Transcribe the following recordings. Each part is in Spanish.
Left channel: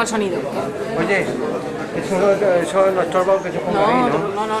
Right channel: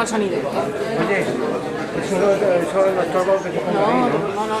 El sonido. Oye, eso no estorba que se ponga ahí, ¿no? No.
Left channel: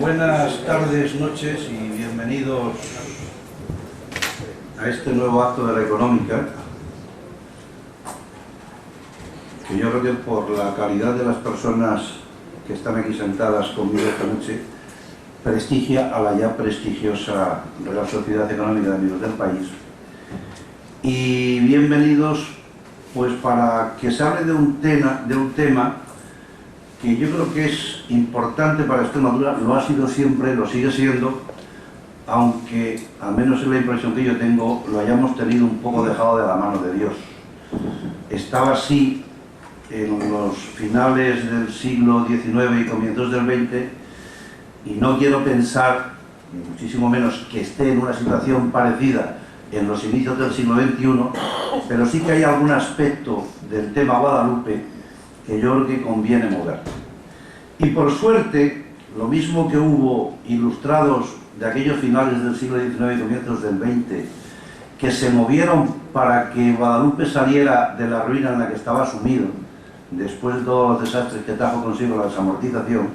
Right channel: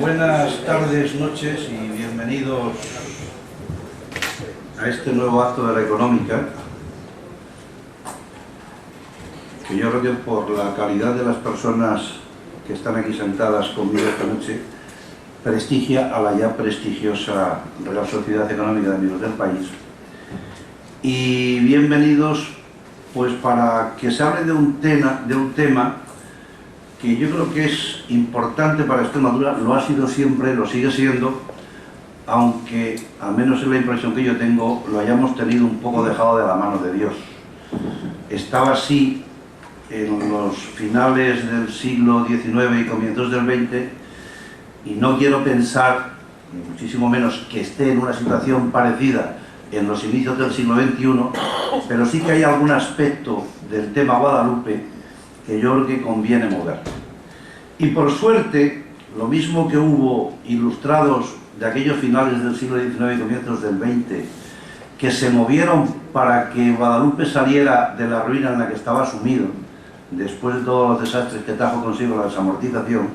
Buenas tardes, noches y bienvenidos a este nuevo acto de la económica, que yo creo que por la calidad de las personas que están aquí sentadas conmigo esta noche prestigia a la ya prestigiosa Real Sociedad Económica de Amigos del País. Y bienvenidos pues para que se hable de un tema que yo creo que es importante para Extremadura, lo ha sido siempre, lo sigue siendo, aunque, al menos es la impresión que yo tengo, lo hayamos tenido un poco dejado de la mano de Dios. Estaba así en los finales del siglo XIX y comienzos del XX, y no quiero pensar, ni muchísimo menos que esté en una situación parecida en los inicios del siglo XXI, pero sí que hay algún aspecto del tema Guadalupe que yo creo que conviene mover. Y por suerte, lo mismo que hubo ilustrados de aquellos finales del siglo XIX y comienzos del XX, que se movieron para que Guadalupe saliera de la ruina en la que estaba sumido, después de todos los desastres que trajo consigo la desamortización,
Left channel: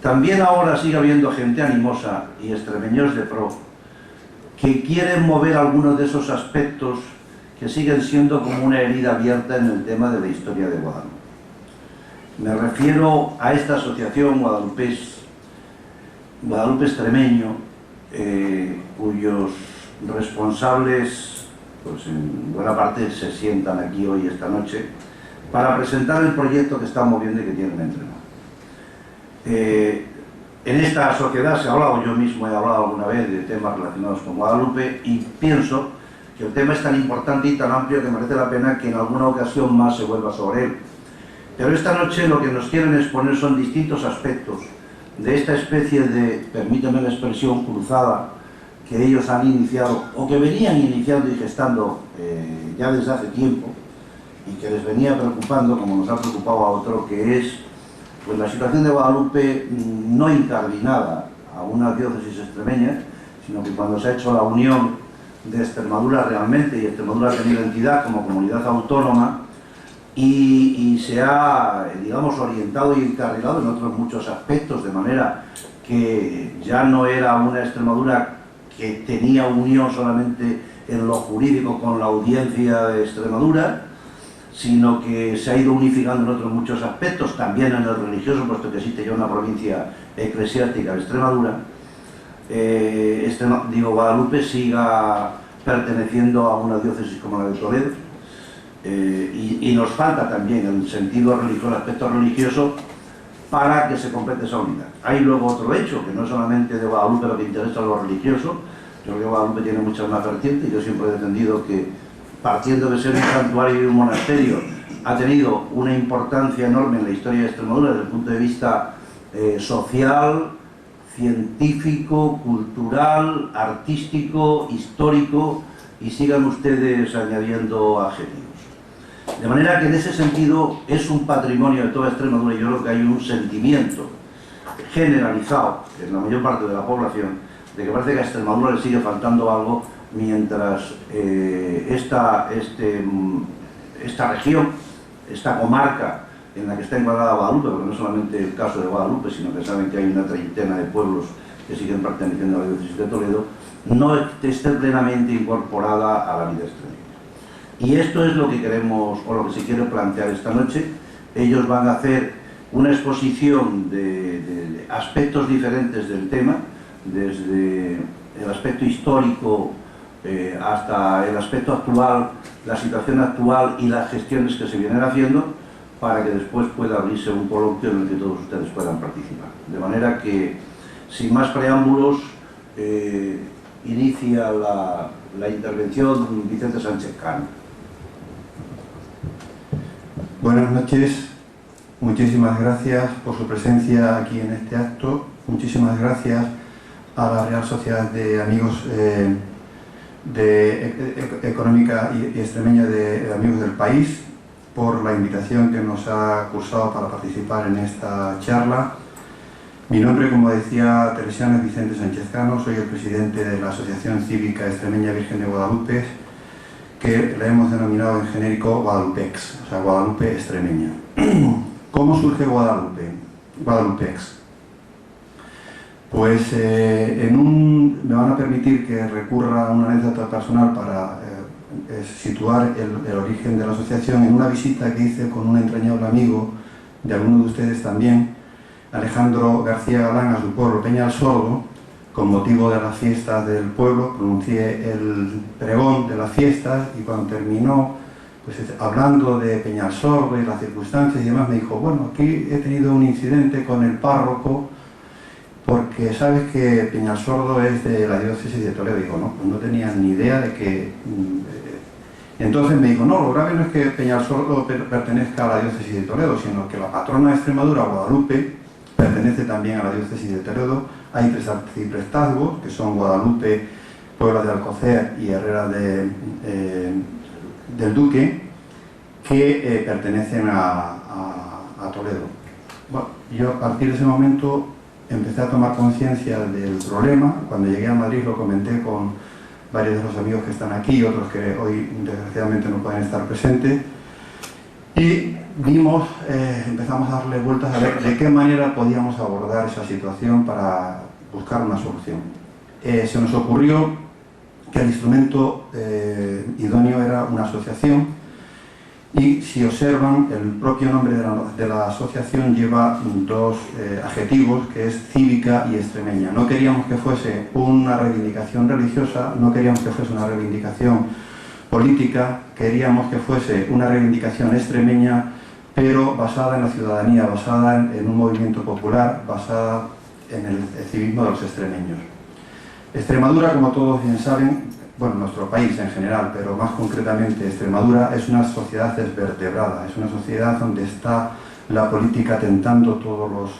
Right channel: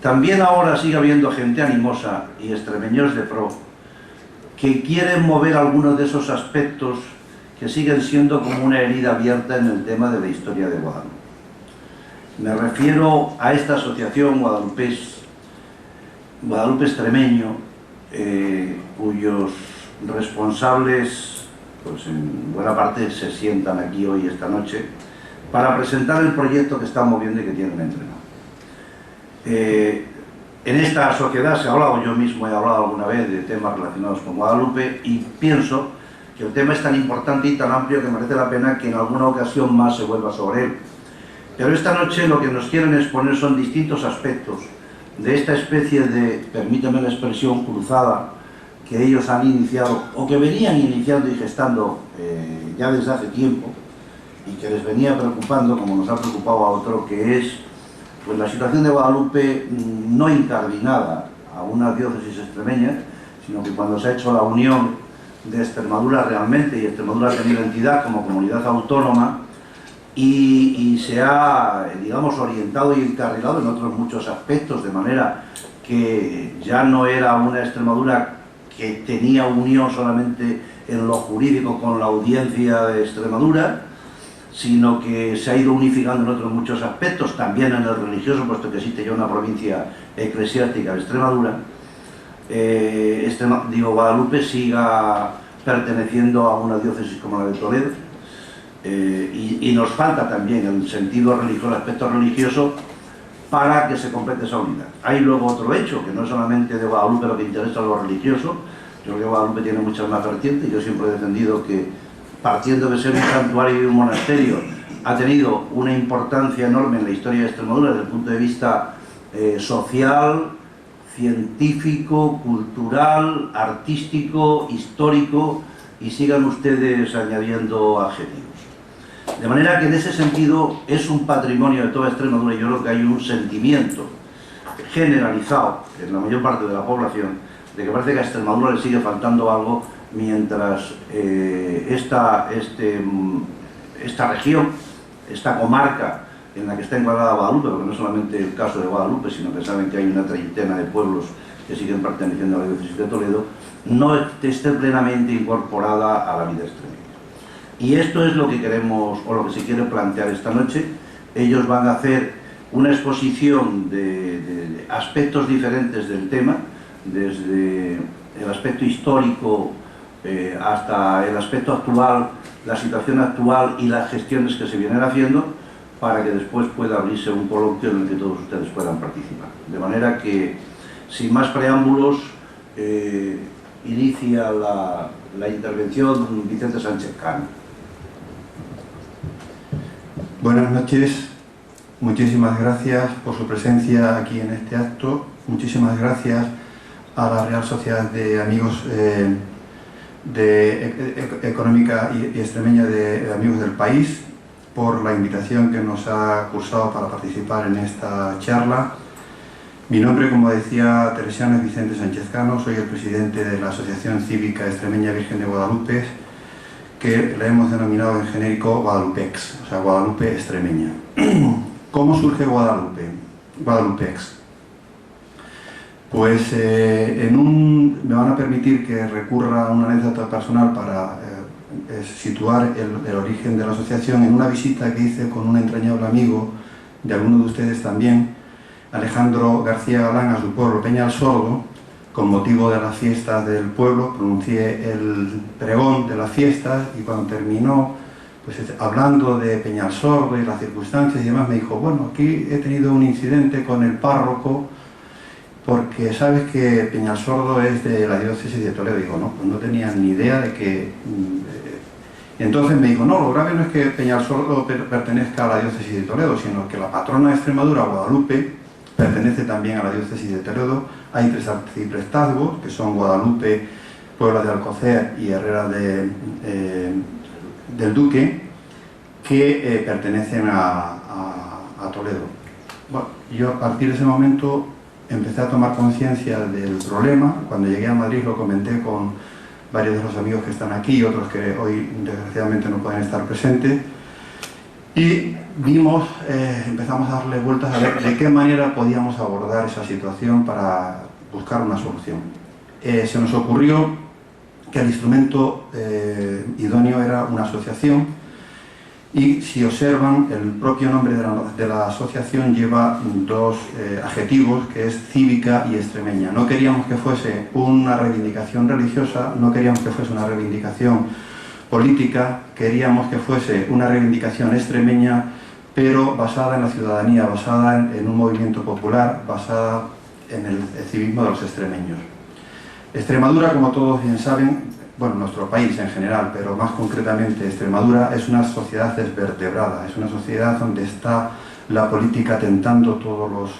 también ahora sigue habiendo gente animosa y extremeños de pro, que quieren mover algunos de esos aspectos que siguen siendo como una herida abierta en el tema de la historia de Guadalupe. Me refiero a esta asociación Guadalupe Extremeño, cuyos responsables, pues en buena parte se sientan aquí hoy, esta noche, para presentar el proyecto que están moviendo y que tienen entre manos. En esta sociedad se ha hablado, yo mismo he hablado alguna vez de temas relacionados con Guadalupe, y pienso que el tema es tan importante y tan amplio que merece la pena que en alguna ocasión más se vuelva sobre él. Pero esta noche lo que nos quieren exponer son distintos aspectos de esta especie de, permítame la expresión, cruzada que ellos han iniciado o que venían iniciando y gestando ya desde hace tiempo, y que les venía preocupando, como nos ha preocupado a otro, que es pues la situación de Guadalupe no incardinada a una diócesis extremeña, sino que cuando se ha hecho la unión de Extremadura realmente, y Extremadura ha tenido entidad como comunidad autónoma, y se ha, digamos, orientado y encarrilado en otros muchos aspectos, de manera que ya no era una Extremadura que tenía unión solamente en lo jurídico con la Audiencia de Extremadura, sino que se ha ido unificando en otros muchos aspectos, también en el religioso, puesto que existe ya una provincia eclesiástica de Extremadura. Guadalupe siga perteneciendo a una diócesis como la de Toledo, y nos falta también el sentido religioso, el aspecto religioso, para que se complete esa unidad. Hay luego otro hecho, que no es solamente de Guadalupe lo que interesa a lo religioso. Yo creo que Guadalupe tiene muchas más vertientes, y yo siempre he defendido que partiendo de ser un santuario y un monasterio, ha tenido una importancia enorme en la historia de Extremadura desde el punto de vista social, científico, cultural, artístico, histórico, y sigan ustedes añadiendo adjetivos. De manera que en ese sentido es un patrimonio de toda Extremadura, y yo creo que hay un sentimiento generalizado en la mayor parte de la población de que parece que a Extremadura le sigue faltando algo, mientras esta región, esta comarca en la que está encuadrada Guadalupe, porque no es solamente el caso de Guadalupe, sino que saben que hay una treintena de pueblos que siguen perteneciendo a la diócesis de Toledo, no esté plenamente incorporada a la vida extremeña. Y esto es lo que queremos, o lo que se quiere plantear esta noche. Ellos van a hacer una exposición de aspectos diferentes del tema, desde el aspecto histórico hasta el aspecto actual, la situación actual y las gestiones que se vienen haciendo, para que después pueda abrirse un coloquio en el que todos ustedes puedan participar. De manera que, sin más preámbulos, inicia la intervención Vicente Sánchez Cano. Buenas noches, muchísimas gracias por su presencia aquí en este acto, muchísimas gracias a la Real Sociedad de Amigos Económica y Extremeña de Amigos del País por la invitación que nos ha cursado para participar en esta charla. Mi nombre, como decía Teresiano, es Vicente Sánchez Cano, soy el presidente de la Asociación Cívica Extremeña Virgen de Guadalupe, que la hemos denominado en genérico Guadalupex, o sea, Guadalupe Extremeña. ¿Cómo surge Guadalupe? Guadalupex. Pues me van a permitir que recurra a una anécdota personal para situar el origen de la asociación en una visita que hice con un entrañable amigo de algunos de ustedes también, Alejandro García Galán, a su pueblo Peñalsordo. Con motivo de las fiestas del pueblo pronuncié el pregón de las fiestas, y cuando terminó, pues hablando de Peñalsordo y las circunstancias y demás, me dijo: bueno, aquí he tenido un incidente con el párroco, porque sabes que Peñalsordo es de la diócesis de Toledo. Digo, no, pues no tenía ni idea de que... Entonces me dijo: no, lo grave no es que Peñalsordo pertenezca a la diócesis de Toledo, sino que la patrona de Extremadura, Guadalupe, pertenece también a la diócesis de Toledo. Hay tres arciprestazgos, que son Guadalupe, Puebla de Alcocer y Herrera del Duque, que pertenecen a Toledo. Bueno, yo a partir de ese momento empecé a tomar conciencia del problema. Cuando llegué a Madrid lo comenté con varios de los amigos que están aquí, otros que hoy desgraciadamente no pueden estar presentes, y empezamos a darle vueltas a ver de qué manera podíamos abordar esa situación para buscar una solución. Se nos ocurrió que el instrumento idóneo era una asociación, y si observan, el propio nombre de la asociación lleva dos adjetivos, que es cívica y extremeña. No queríamos que fuese una reivindicación religiosa, no queríamos que fuese una reivindicación política, queríamos que fuese una reivindicación extremeña, pero basada en la ciudadanía, basada en un movimiento popular, basada en el civismo de los extremeños. Extremadura, como todos bien saben, bueno, nuestro país en general, pero más concretamente Extremadura, es una sociedad desvertebrada, es una sociedad donde está la política tentando todos los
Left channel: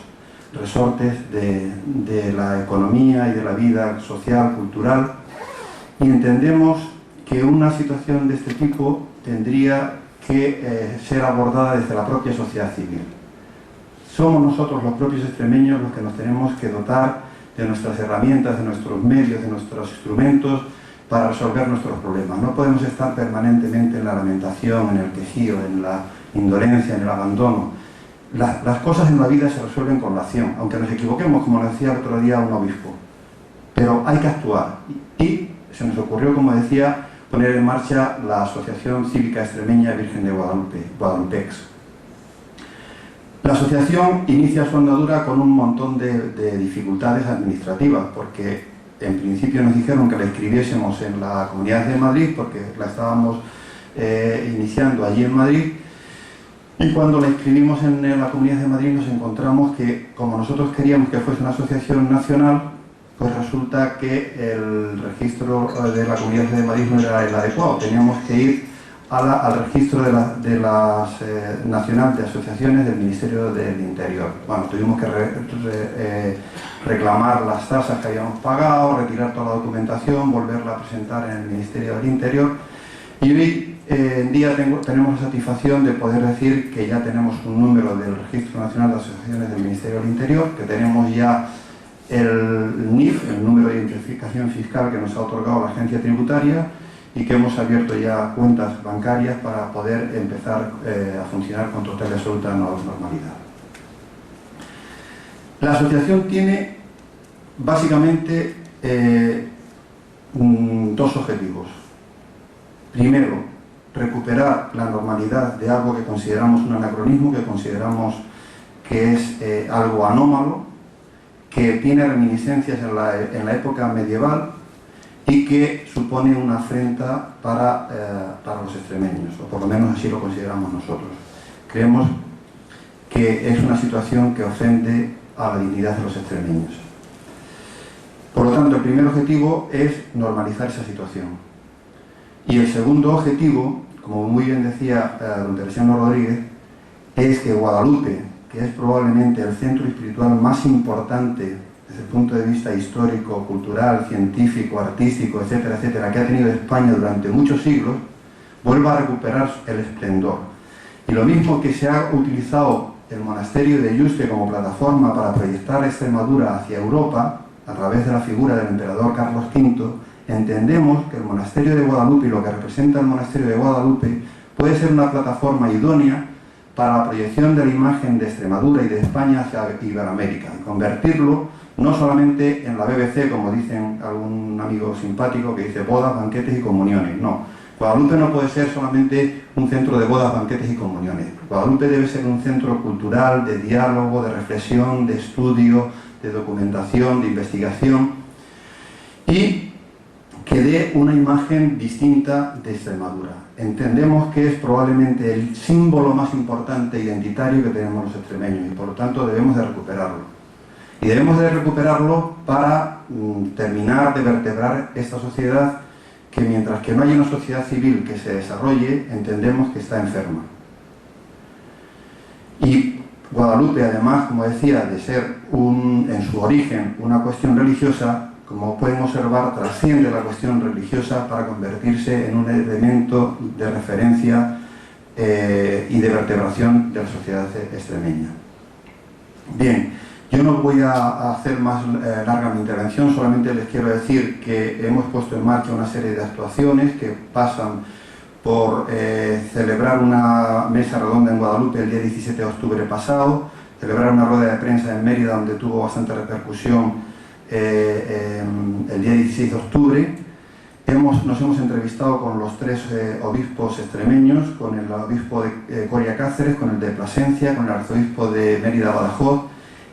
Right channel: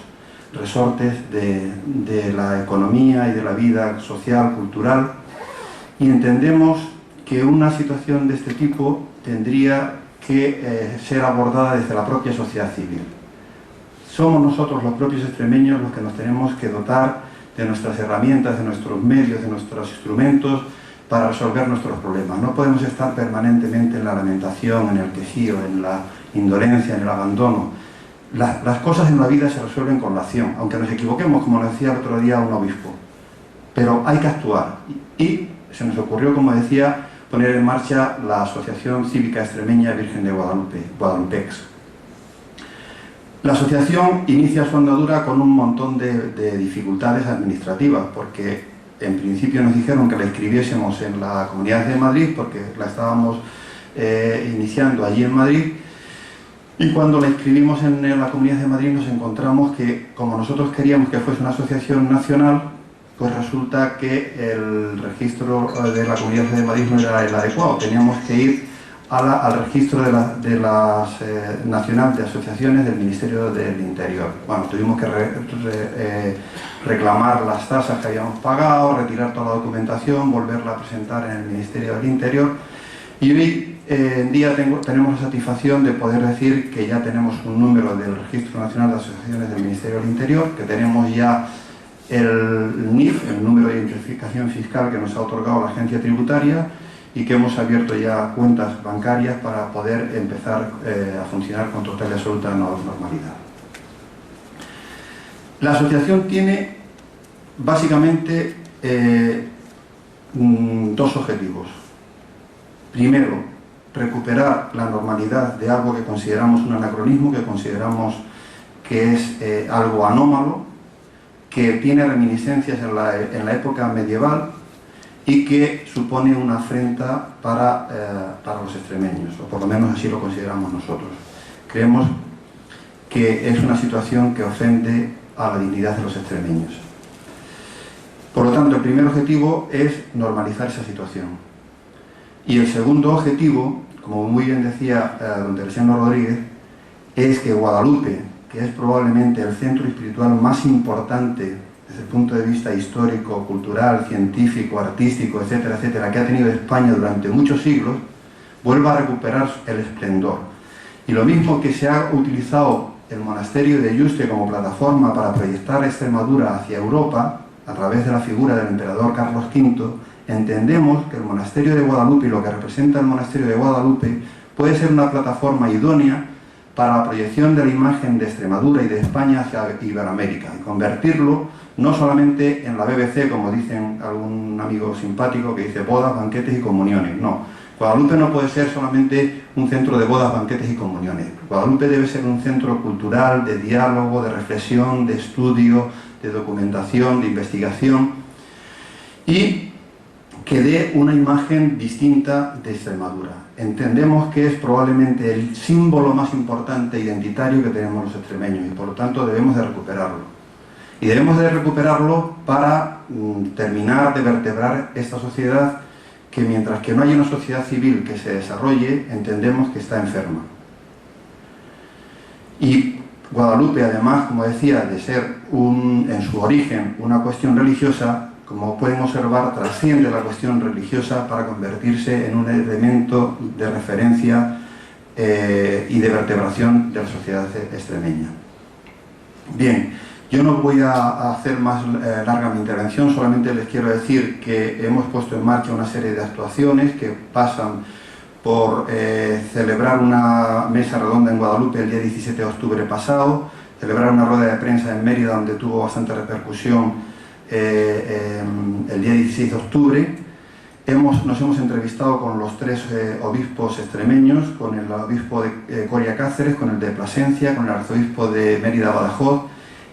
resortes de la economía y de la vida social, cultural, y entendemos que una situación de este tipo tendría que ser abordada desde la propia sociedad civil. Somos nosotros, los propios extremeños, los que nos tenemos que dotar de nuestras herramientas, de nuestros medios, de nuestros instrumentos para resolver nuestros problemas. No podemos estar permanentemente en la lamentación, en el quejío, en la indolencia, en el abandono. Las cosas en la vida se resuelven con la acción, aunque nos equivoquemos, como nos decía el otro día un obispo. Pero hay que actuar. Y se nos ocurrió, como decía, poner en marcha la Asociación Cívica Extremeña Virgen de Guadalupe, Guadalupex. La asociación inicia su andadura con un montón de dificultades administrativas, porque en principio nos dijeron que la inscribiésemos en la Comunidad de Madrid, porque la estábamos iniciando allí en Madrid, y cuando la inscribimos en la Comunidad de Madrid nos encontramos que, como nosotros queríamos que fuese una asociación nacional, pues resulta que el registro de la Comunidad de Madrid no era el adecuado. Teníamos que ir al registro de las nacional de asociaciones del Ministerio del Interior. Bueno, tuvimos que reclamar las tasas que habíamos pagado, retirar toda la documentación, volverla a presentar en el Ministerio del Interior, y hoy en día tenemos la satisfacción de poder decir que ya tenemos un número del Registro Nacional de Asociaciones del Ministerio del Interior, que tenemos ya el NIF, el número de identificación fiscal que nos ha otorgado la agencia tributaria, y que hemos abierto ya cuentas bancarias para poder empezar a funcionar con total y absoluta normalidad. La asociación tiene básicamente dos objetivos. Primero, recuperar la normalidad de algo que consideramos un anacronismo, que consideramos que es algo anómalo, que tiene reminiscencias en la época medieval y que supone una afrenta para los extremeños, o por lo menos así lo consideramos nosotros. Creemos que es una situación que ofende a la dignidad de los extremeños. Por lo tanto, el primer objetivo es normalizar esa situación. Y el segundo objetivo, como muy bien decía don Teresiano Rodríguez, es que Guadalupe, que es probablemente el centro espiritual más importante desde el punto de vista histórico, cultural, científico, artístico, etcétera, etcétera, que ha tenido España durante muchos siglos, vuelva a recuperar el esplendor. Y lo mismo que se ha utilizado el monasterio de Yuste como plataforma para proyectar Extremadura hacia Europa, a través de la figura del emperador Carlos V, entendemos que el monasterio de Guadalupe y lo que representa el monasterio de Guadalupe puede ser una plataforma idónea para la proyección de la imagen de Extremadura y de España hacia Iberoamérica, y convertirlo no solamente en la BBC, como dicen algún amigo simpático que dice bodas, banquetes y comuniones. No, Guadalupe no puede ser solamente un centro de bodas, banquetes y comuniones. Guadalupe debe ser un centro cultural, de diálogo, de reflexión, de estudio, de documentación, de investigación, y que dé una imagen distinta de Extremadura. Entendemos que es probablemente el símbolo más importante identitario que tenemos los extremeños, y por lo tanto debemos de recuperarlo. Y debemos de recuperarlo para terminar de vertebrar esta sociedad que, mientras que no haya una sociedad civil que se desarrolle, entendemos que está enferma. Y Guadalupe, además, como decía, de ser en su origen una cuestión religiosa, como pueden observar, trasciende la cuestión religiosa para convertirse en un elemento de referencia y de vertebración de la sociedad extremeña. Bien, yo no voy a hacer más larga mi intervención, solamente les quiero decir que hemos puesto en marcha una serie de actuaciones que pasan por celebrar una mesa redonda en Guadalupe el día 17 de octubre pasado, celebrar una rueda de prensa en Mérida donde tuvo bastante repercusión el día 16 de octubre. Nos hemos entrevistado con los tres obispos extremeños, con el obispo de Coria Cáceres, con el de Plasencia, con el arzobispo de Mérida Badajoz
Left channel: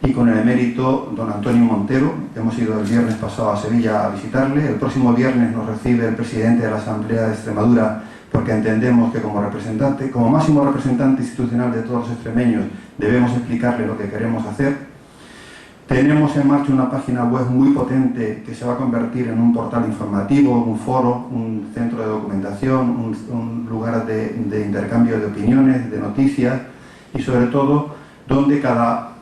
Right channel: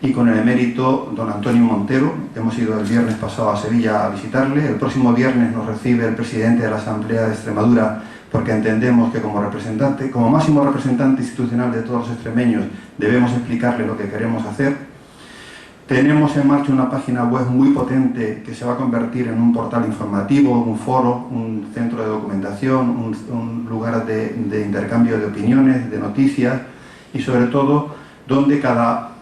y con el emérito don Antonio Montero. Hemos ido el viernes pasado a Sevilla a visitarle. El próximo viernes nos recibe el presidente de la Asamblea de Extremadura, porque entendemos que como máximo representante institucional de todos los extremeños, debemos explicarle lo que queremos hacer. Tenemos en marcha una página web muy potente que se va a convertir en un portal informativo, un foro, un centro de documentación, un lugar de intercambio de opiniones, de noticias, y sobre todo donde cada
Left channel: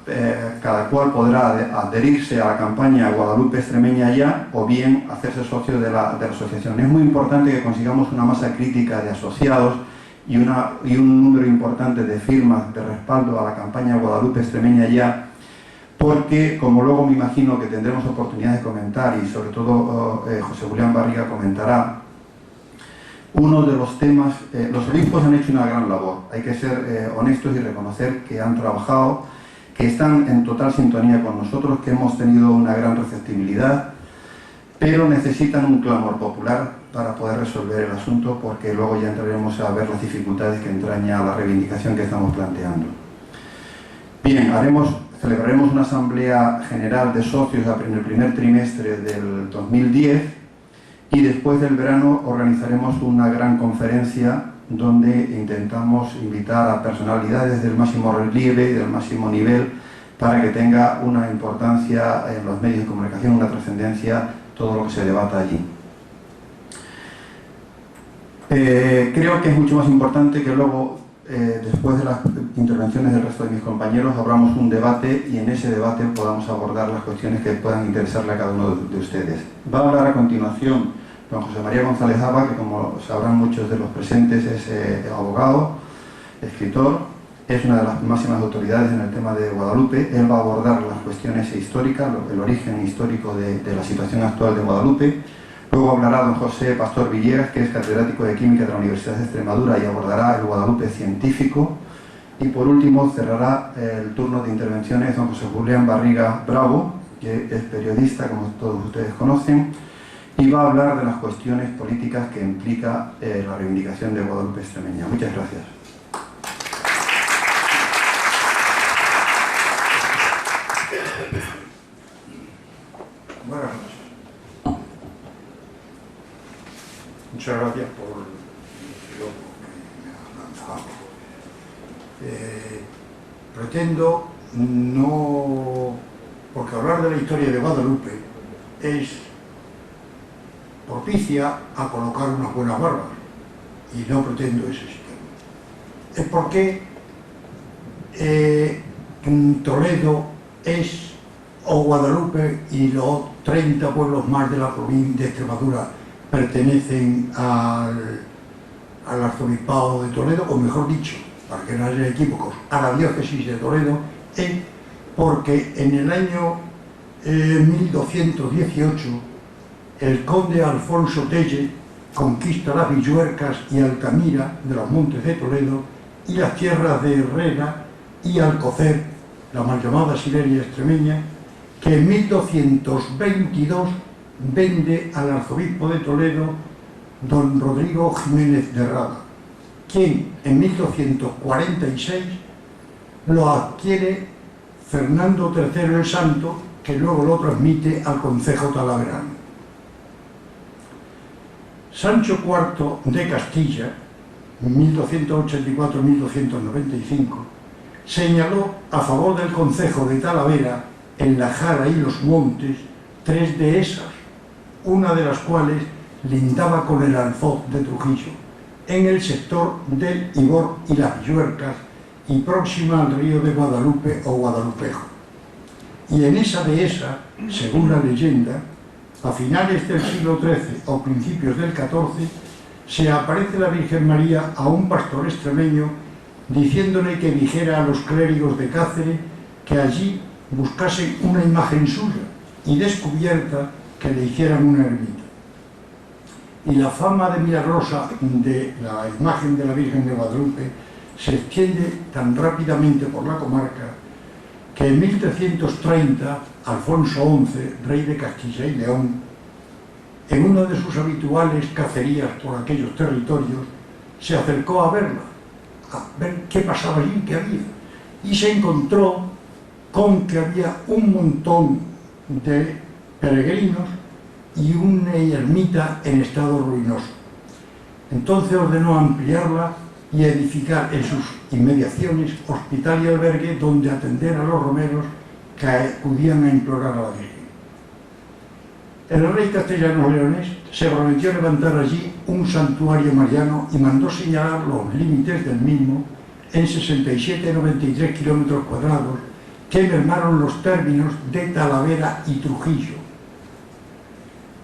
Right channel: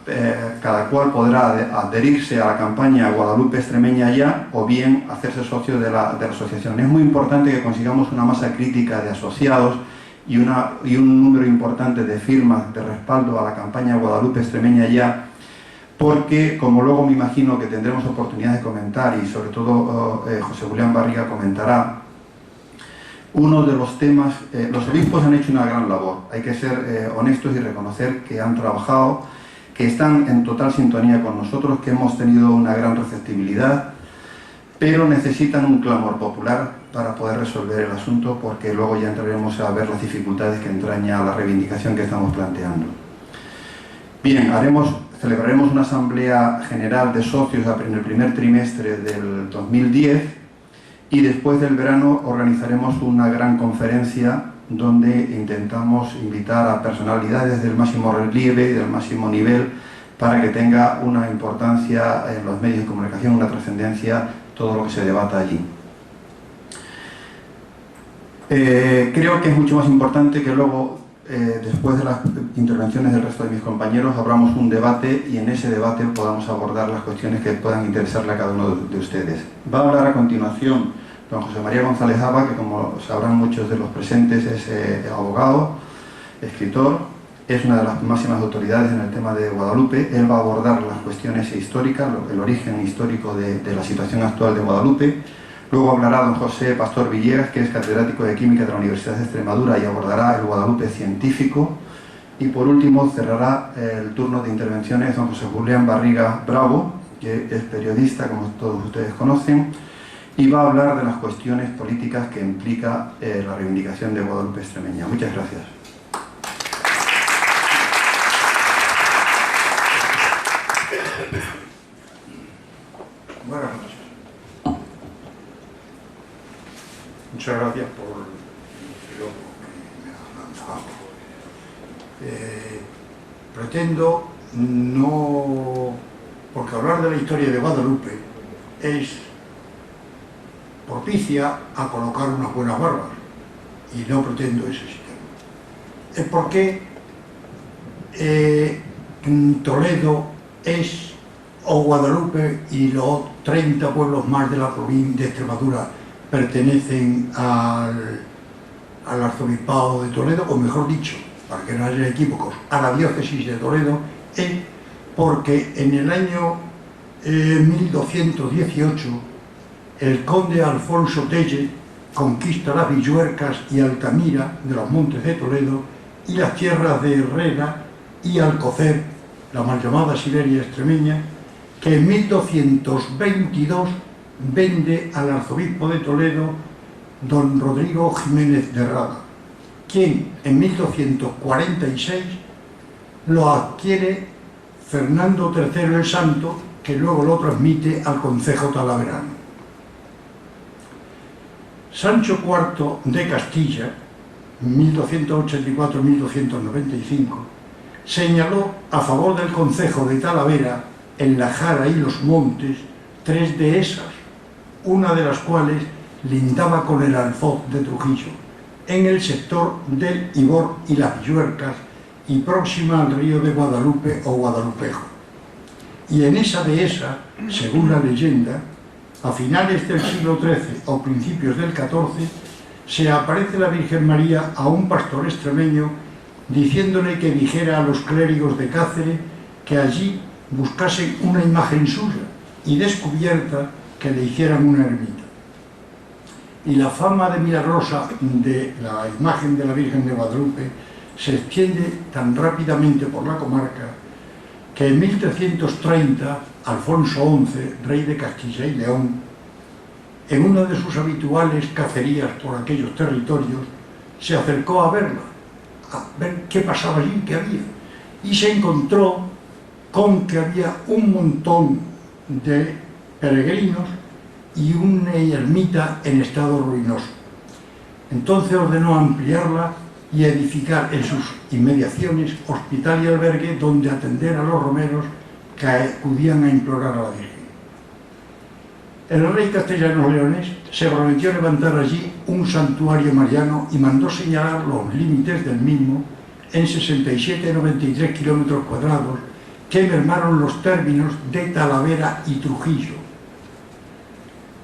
cual podrá adherirse a la campaña Guadalupe Extremeña Ya, o bien hacerse socio de la asociación. Es muy importante que consigamos una masa crítica de asociados y un número importante de firmas de respaldo a la campaña Guadalupe Extremeña Ya, porque, como luego me imagino que tendremos oportunidad de comentar, y sobre todo José Julián Barriga comentará, uno de los temas, los obispos han hecho una gran labor, hay que ser honestos y reconocer que han trabajado, que están en total sintonía con nosotros, que hemos tenido una gran receptibilidad, pero necesitan un clamor popular para poder resolver el asunto, porque luego ya entraremos a ver las dificultades que entraña la reivindicación que estamos planteando. Bien, celebraremos una asamblea general de socios en el primer trimestre del 2010, y después del verano organizaremos una gran conferencia donde intentamos invitar a personalidades del máximo relieve y del máximo nivel para que tenga una importancia en los medios de comunicación, una trascendencia, todo lo que se debata allí. Creo que es mucho más importante que luego, después de las intervenciones del resto de mis compañeros, abramos un debate y en ese debate podamos abordar las cuestiones que puedan interesarle a cada uno de ustedes. Va a hablar a continuación don José María González Haba, que como sabrán muchos de los presentes es abogado, escritor, es una de las máximas autoridades en el tema de Guadalupe. Él va a abordar las cuestiones históricas, el origen histórico de la situación actual de Guadalupe. Luego hablará don José Pastor Villegas, que es catedrático de Química de la Universidad de Extremadura y abordará el Guadalupe científico. Y por último cerrará el turno de intervenciones don José Julián Barriga Bravo, que es periodista, como todos ustedes conocen, y va a hablar de las cuestiones políticas que implica la reivindicación de Guadalupe extremeña. Muchas gracias. Buenas noches. Muchas gracias por el logo que me ha lanzado. Pretendo no... porque hablar de la historia de Guadalupe es propicia a colocar unas buenas barbas y no pretendo ese sistema. Es porque Toledo es, o Guadalupe y los 30 pueblos más de la provincia de Extremadura pertenecen al arzobispado de Toledo, o mejor dicho, para que no haya equívocos, a la diócesis de Toledo, es porque en el año 1218 el conde Alfonso Telle conquista las Villuercas y Altamira de los montes de Toledo y las tierras de Herrera y Alcocer, la mal llamada Sileria extremeña, que en 1222 vende al arzobispo de Toledo don Rodrigo Jiménez de Rada, quien en 1246 lo adquiere Fernando III el Santo, que luego lo transmite al concejo talaverano. Sancho IV de Castilla, 1284-1295, señaló a favor del concejo de Talavera, en la Jara y los Montes, 3 dehesas, una de las cuales lindaba con el Alfoz de Trujillo, en el sector del Ibor y las Villuercas y próxima al río de Guadalupe o Guadalupejo. Y en esa dehesa, según la leyenda, a finales del siglo XIII o principios del XIV, se aparece la Virgen María a un pastor extremeño diciéndole que dijera a los clérigos de Cáceres que allí buscasen una imagen suya y descubierta que le hicieran una ermita. Y la fama de milagrosa de la imagen de la Virgen de Guadalupe se extiende tan rápidamente por la comarca que en 1330 Alfonso XI, rey de Castilla y León, en una de sus habituales cacerías por aquellos territorios, se acercó a verla, a ver qué pasaba allí, qué había, y se encontró con que había un montón de peregrinos y una ermita en estado ruinoso. Entonces ordenó ampliarla y edificar en sus inmediaciones hospital y albergue donde atender a los romeros que acudían a implorar a la Virgen. El rey castellano-leonés se prometió levantar allí un santuario mariano y mandó señalar los límites del mismo en 67,93 kilómetros cuadrados que mermaron los términos de Talavera y Trujillo.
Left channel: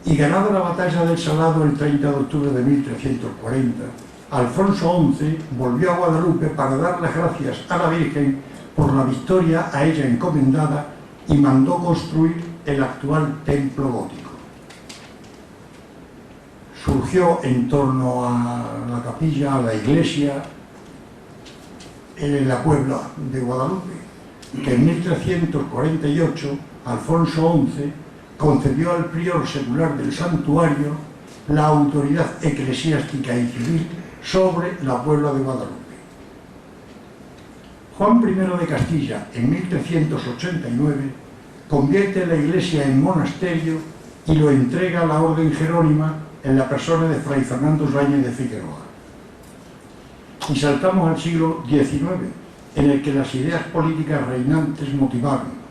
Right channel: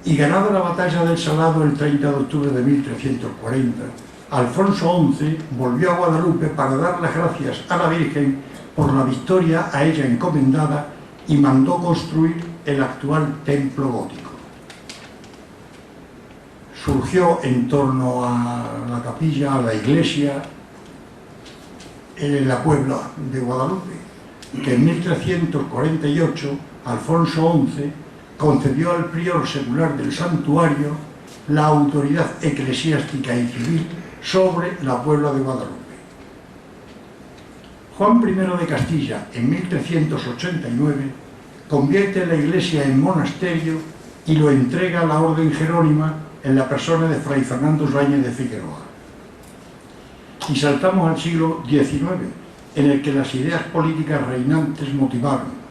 Y ganada la batalla del Salado el 30 de octubre de 1340, Alfonso XI volvió a Guadalupe para dar las gracias a la Virgen por la victoria a ella encomendada y mandó construir el actual templo gótico. Surgió en torno a la capilla, a la iglesia, en la Puebla de Guadalupe, que en 1348 Alfonso XI concedió al prior secular del santuario la autoridad eclesiástica y civil sobre la Puebla de Guadalupe. Juan I de Castilla, en 1389, convierte la iglesia en monasterio y lo entrega a la orden jerónima en la persona de Fray Fernando Yáñez de Figueroa. Y saltamos al siglo XIX, en el que las ideas políticas reinantes motivaron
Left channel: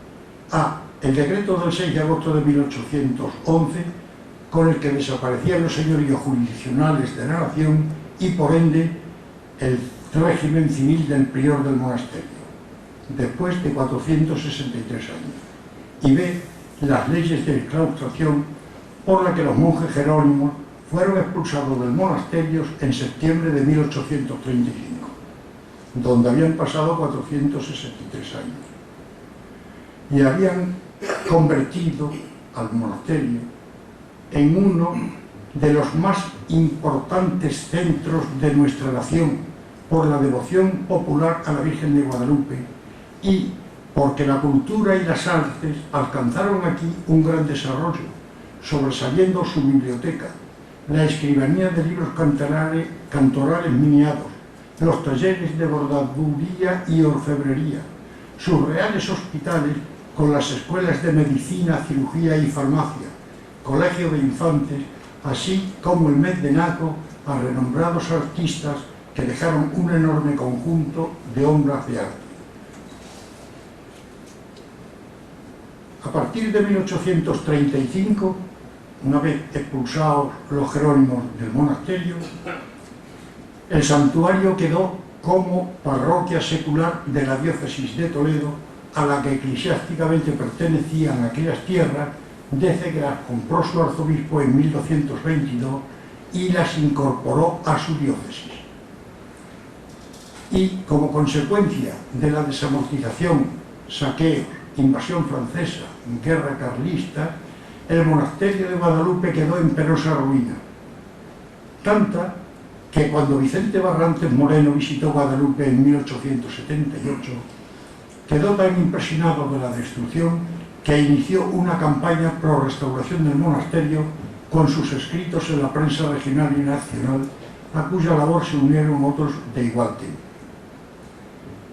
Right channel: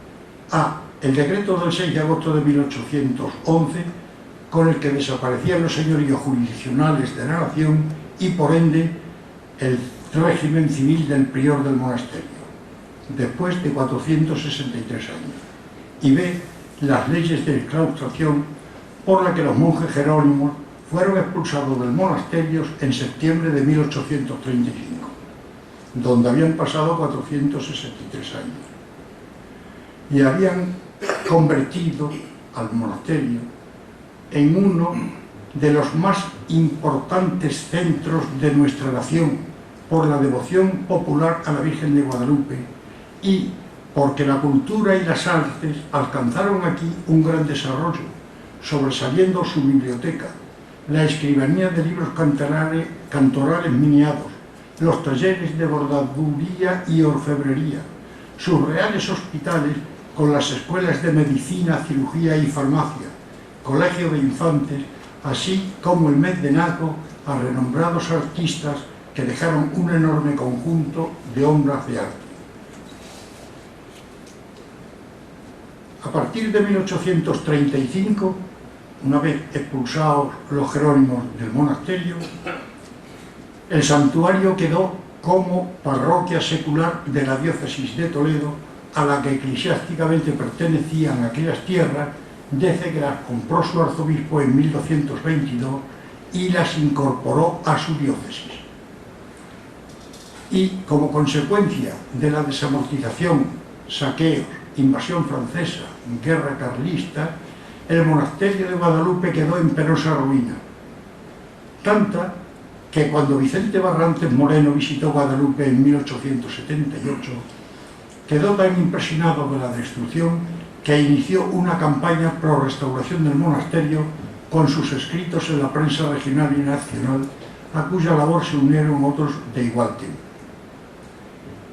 a el decreto del 6 de agosto de 1811, con el que desaparecían los señoríos jurisdiccionales de la nación y por ende el régimen civil del prior del monasterio, después de 463 años, y ve las leyes de claustración por la que los monjes jerónimos fueron expulsados del monasterio en septiembre de 1835, donde habían pasado 463 años, y habían convertido al monasterio en uno de los más importantes centros de nuestra nación por la devoción popular a la Virgen de Guadalupe y porque la cultura y las artes alcanzaron aquí un gran desarrollo, sobresaliendo su biblioteca, la escribanía de libros cantorales miniados, los talleres de bordaduría y orfebrería, sus reales hospitales con las escuelas de medicina, cirugía y farmacia, colegio de infantes, así como el mecenazgo a renombrados artistas que dejaron un enorme conjunto de obras de arte. A partir de 1835, una vez expulsados los jerónimos del monasterio, el santuario quedó como parroquia secular de la diócesis de Toledo, a la que eclesiásticamente pertenecían aquellas tierras desde que las compró su arzobispo en 1222 y las incorporó a su diócesis. Y como consecuencia de la desamortización, saqueos, invasión francesa, guerra carlista, el monasterio de Guadalupe quedó en penosa ruina. Tanta que cuando Vicente Barrantes Moreno visitó Guadalupe en 1878, quedó tan impresionado de la destrucción que inició una campaña pro restauración del monasterio con sus escritos en la prensa regional y nacional, a cuya labor se unieron otros de igual tiempo.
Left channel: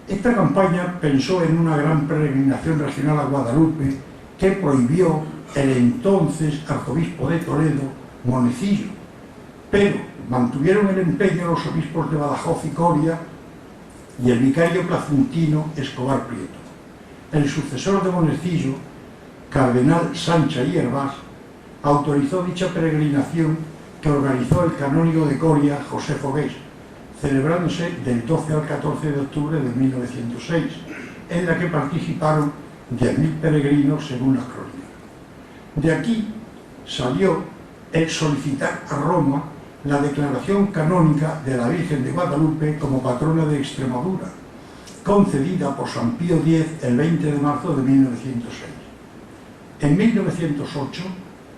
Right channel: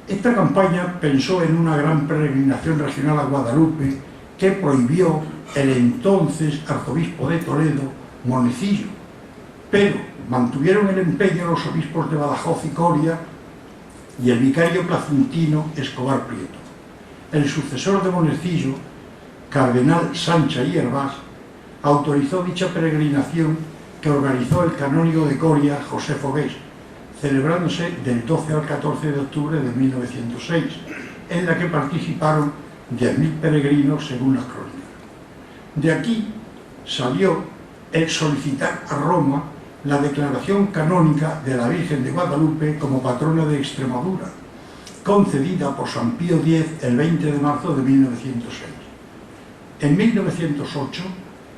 Esta campaña pensó en una gran peregrinación regional a Guadalupe que prohibió el entonces arzobispo de Toledo, Monecillo, pero mantuvieron el empeño los obispos de Badajoz y Coria y el vicario placentino Escobar Prieto. El sucesor de Monecillo, cardenal Sancha y Hervás, autorizó dicha peregrinación que organizó el canónigo de Coria, José Fogués, celebrándose del 12 al 14 de octubre de 1906, en la que participaron 10.000 peregrinos según las crónicas. De aquí salió el solicitar a Roma la declaración canónica de la Virgen de Guadalupe como patrona de Extremadura, concedida por San Pío X el 20 de marzo de 1906. En 1908,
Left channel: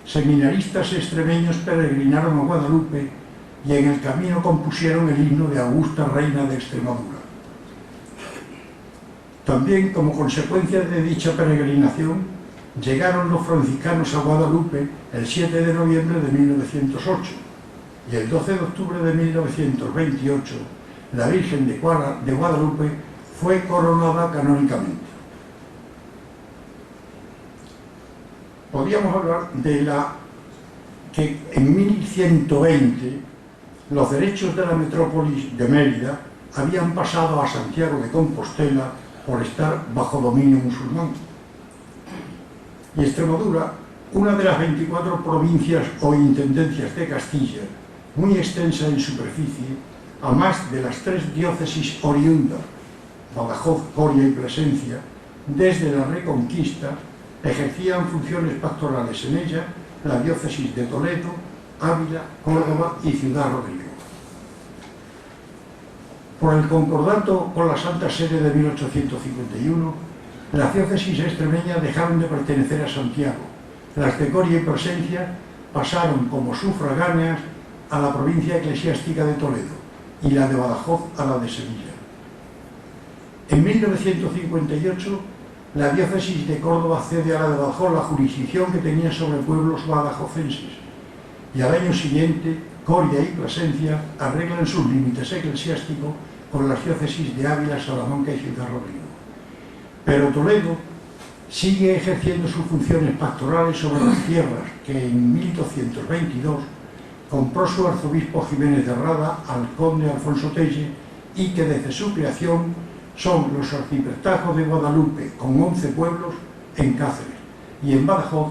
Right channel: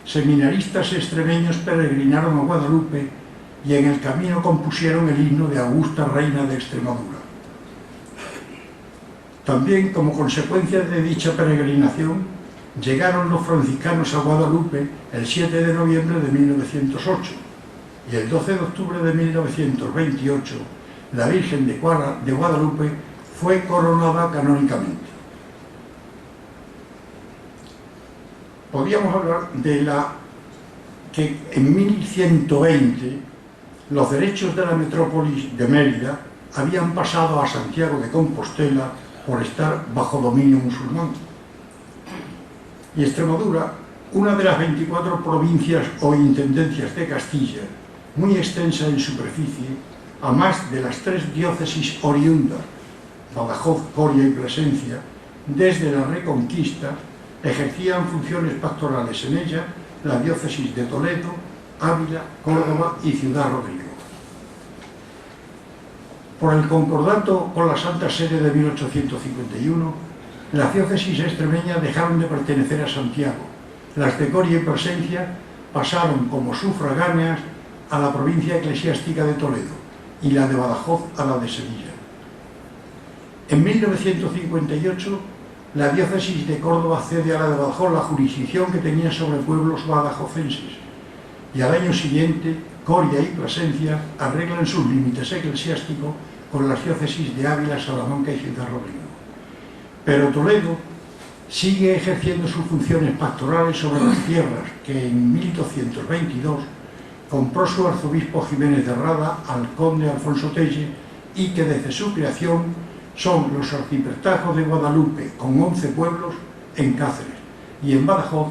seminaristas extremeños peregrinaron a Guadalupe y en el camino compusieron el himno de Augusta Reina de Extremadura. También, como consecuencia de dicha peregrinación, llegaron los franciscanos a Guadalupe el 7 de noviembre de 1908 y el 12 de octubre de 1928 la Virgen de Guadalupe fue coronada canónicamente. Podríamos hablar de que en 1120 los derechos de la metrópolis de Mérida habían pasado a Santiago de Compostela por estar bajo dominio musulmán. Y Extremadura, una de las 24 provincias o intendencias de Castilla, muy extensa en superficie, a más de las 3 diócesis oriundas, Badajoz, Coria y Plasencia, desde la Reconquista, ejercían funciones pastorales en ella la diócesis de Toledo, Ávila, Córdoba y Ciudad Rodrigo. Por el concordato con la Santa Sede de 1851, las diócesis extremeñas dejaron de pertenecer a Santiago. Las de Coria y Plasencia pasaron como sufragáneas a la provincia eclesiástica de Toledo y la de Badajoz a la de Sevilla. En 1958, la diócesis de Córdoba cede a la de Badajoz la jurisdicción que tenía sobre pueblos badajozenses y al año siguiente Coria y Plasencia arreglan sus límites eclesiásticos con las diócesis de Ávila, Salamanca y Ciudad Rodrigo. Pero Toledo sigue ejerciendo sus funciones pastorales sobre las tierras que en 1222 compró su arzobispo Jiménez de Rada al conde Alfonso Telle y que desde su creación son los arciprestazgos de Guadalupe con 11 pueblos en Cáceres y en Badajoz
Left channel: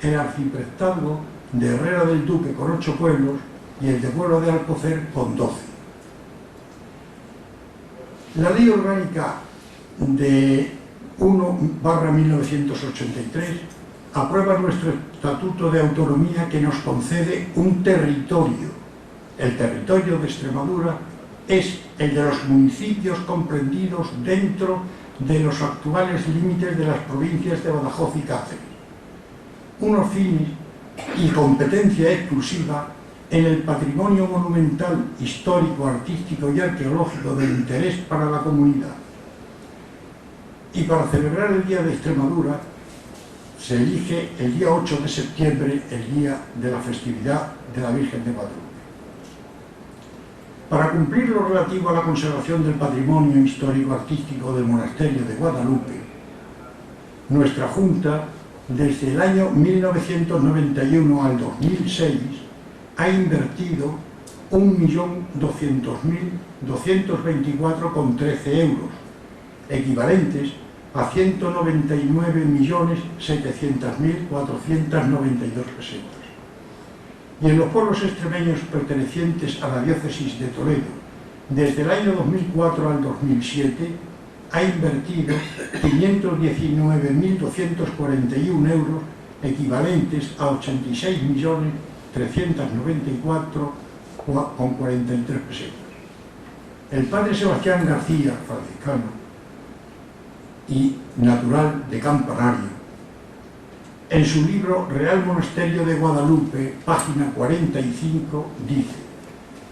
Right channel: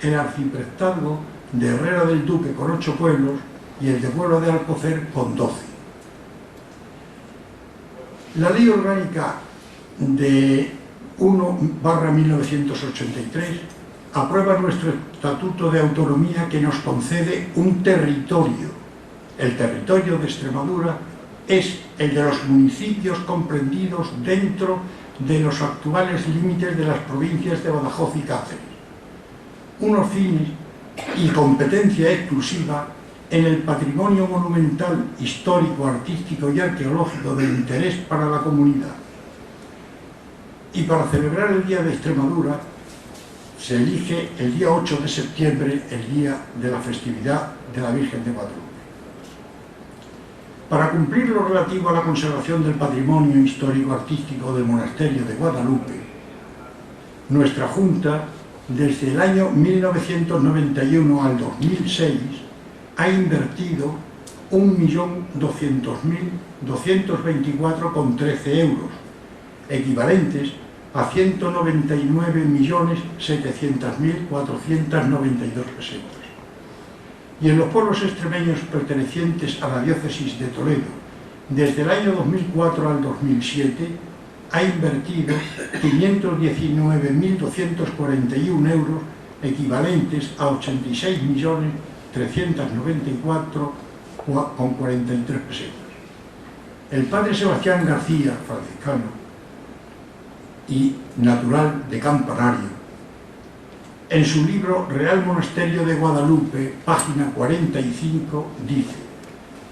el arciprestazgo de Herrera del Duque con 8 pueblos y el de Puebla de Alcocer con 12. La Ley Orgánica de 1/1983 aprueba nuestro Estatuto de Autonomía, que nos concede un territorio. El territorio de Extremadura es el de los municipios comprendidos dentro de los actuales límites de las provincias de Badajoz y Cáceres. Unos fines y competencia exclusiva en el patrimonio monumental, histórico, artístico y arqueológico de interés para la comunidad. Y para celebrar el Día de Extremadura se elige el día 8 de septiembre, el día de la festividad de la Virgen de Guadalupe. Para cumplir lo relativo a la conservación del patrimonio histórico-artístico del monasterio de Guadalupe, nuestra Junta, desde el año 1991 al 2006, ha invertido 1.200.224,13 euros, equivalentes a 199.700.492 pesetas. Y en los pueblos extremeños pertenecientes a la diócesis de Toledo, desde el año 2004 al 2007, ha invertido 519.241 euros, equivalentes a 86.394,43 pesetas. El padre Sebastián García, franciscano y natural de Campanario, en su libro Real Monasterio de Guadalupe, página 45, dice:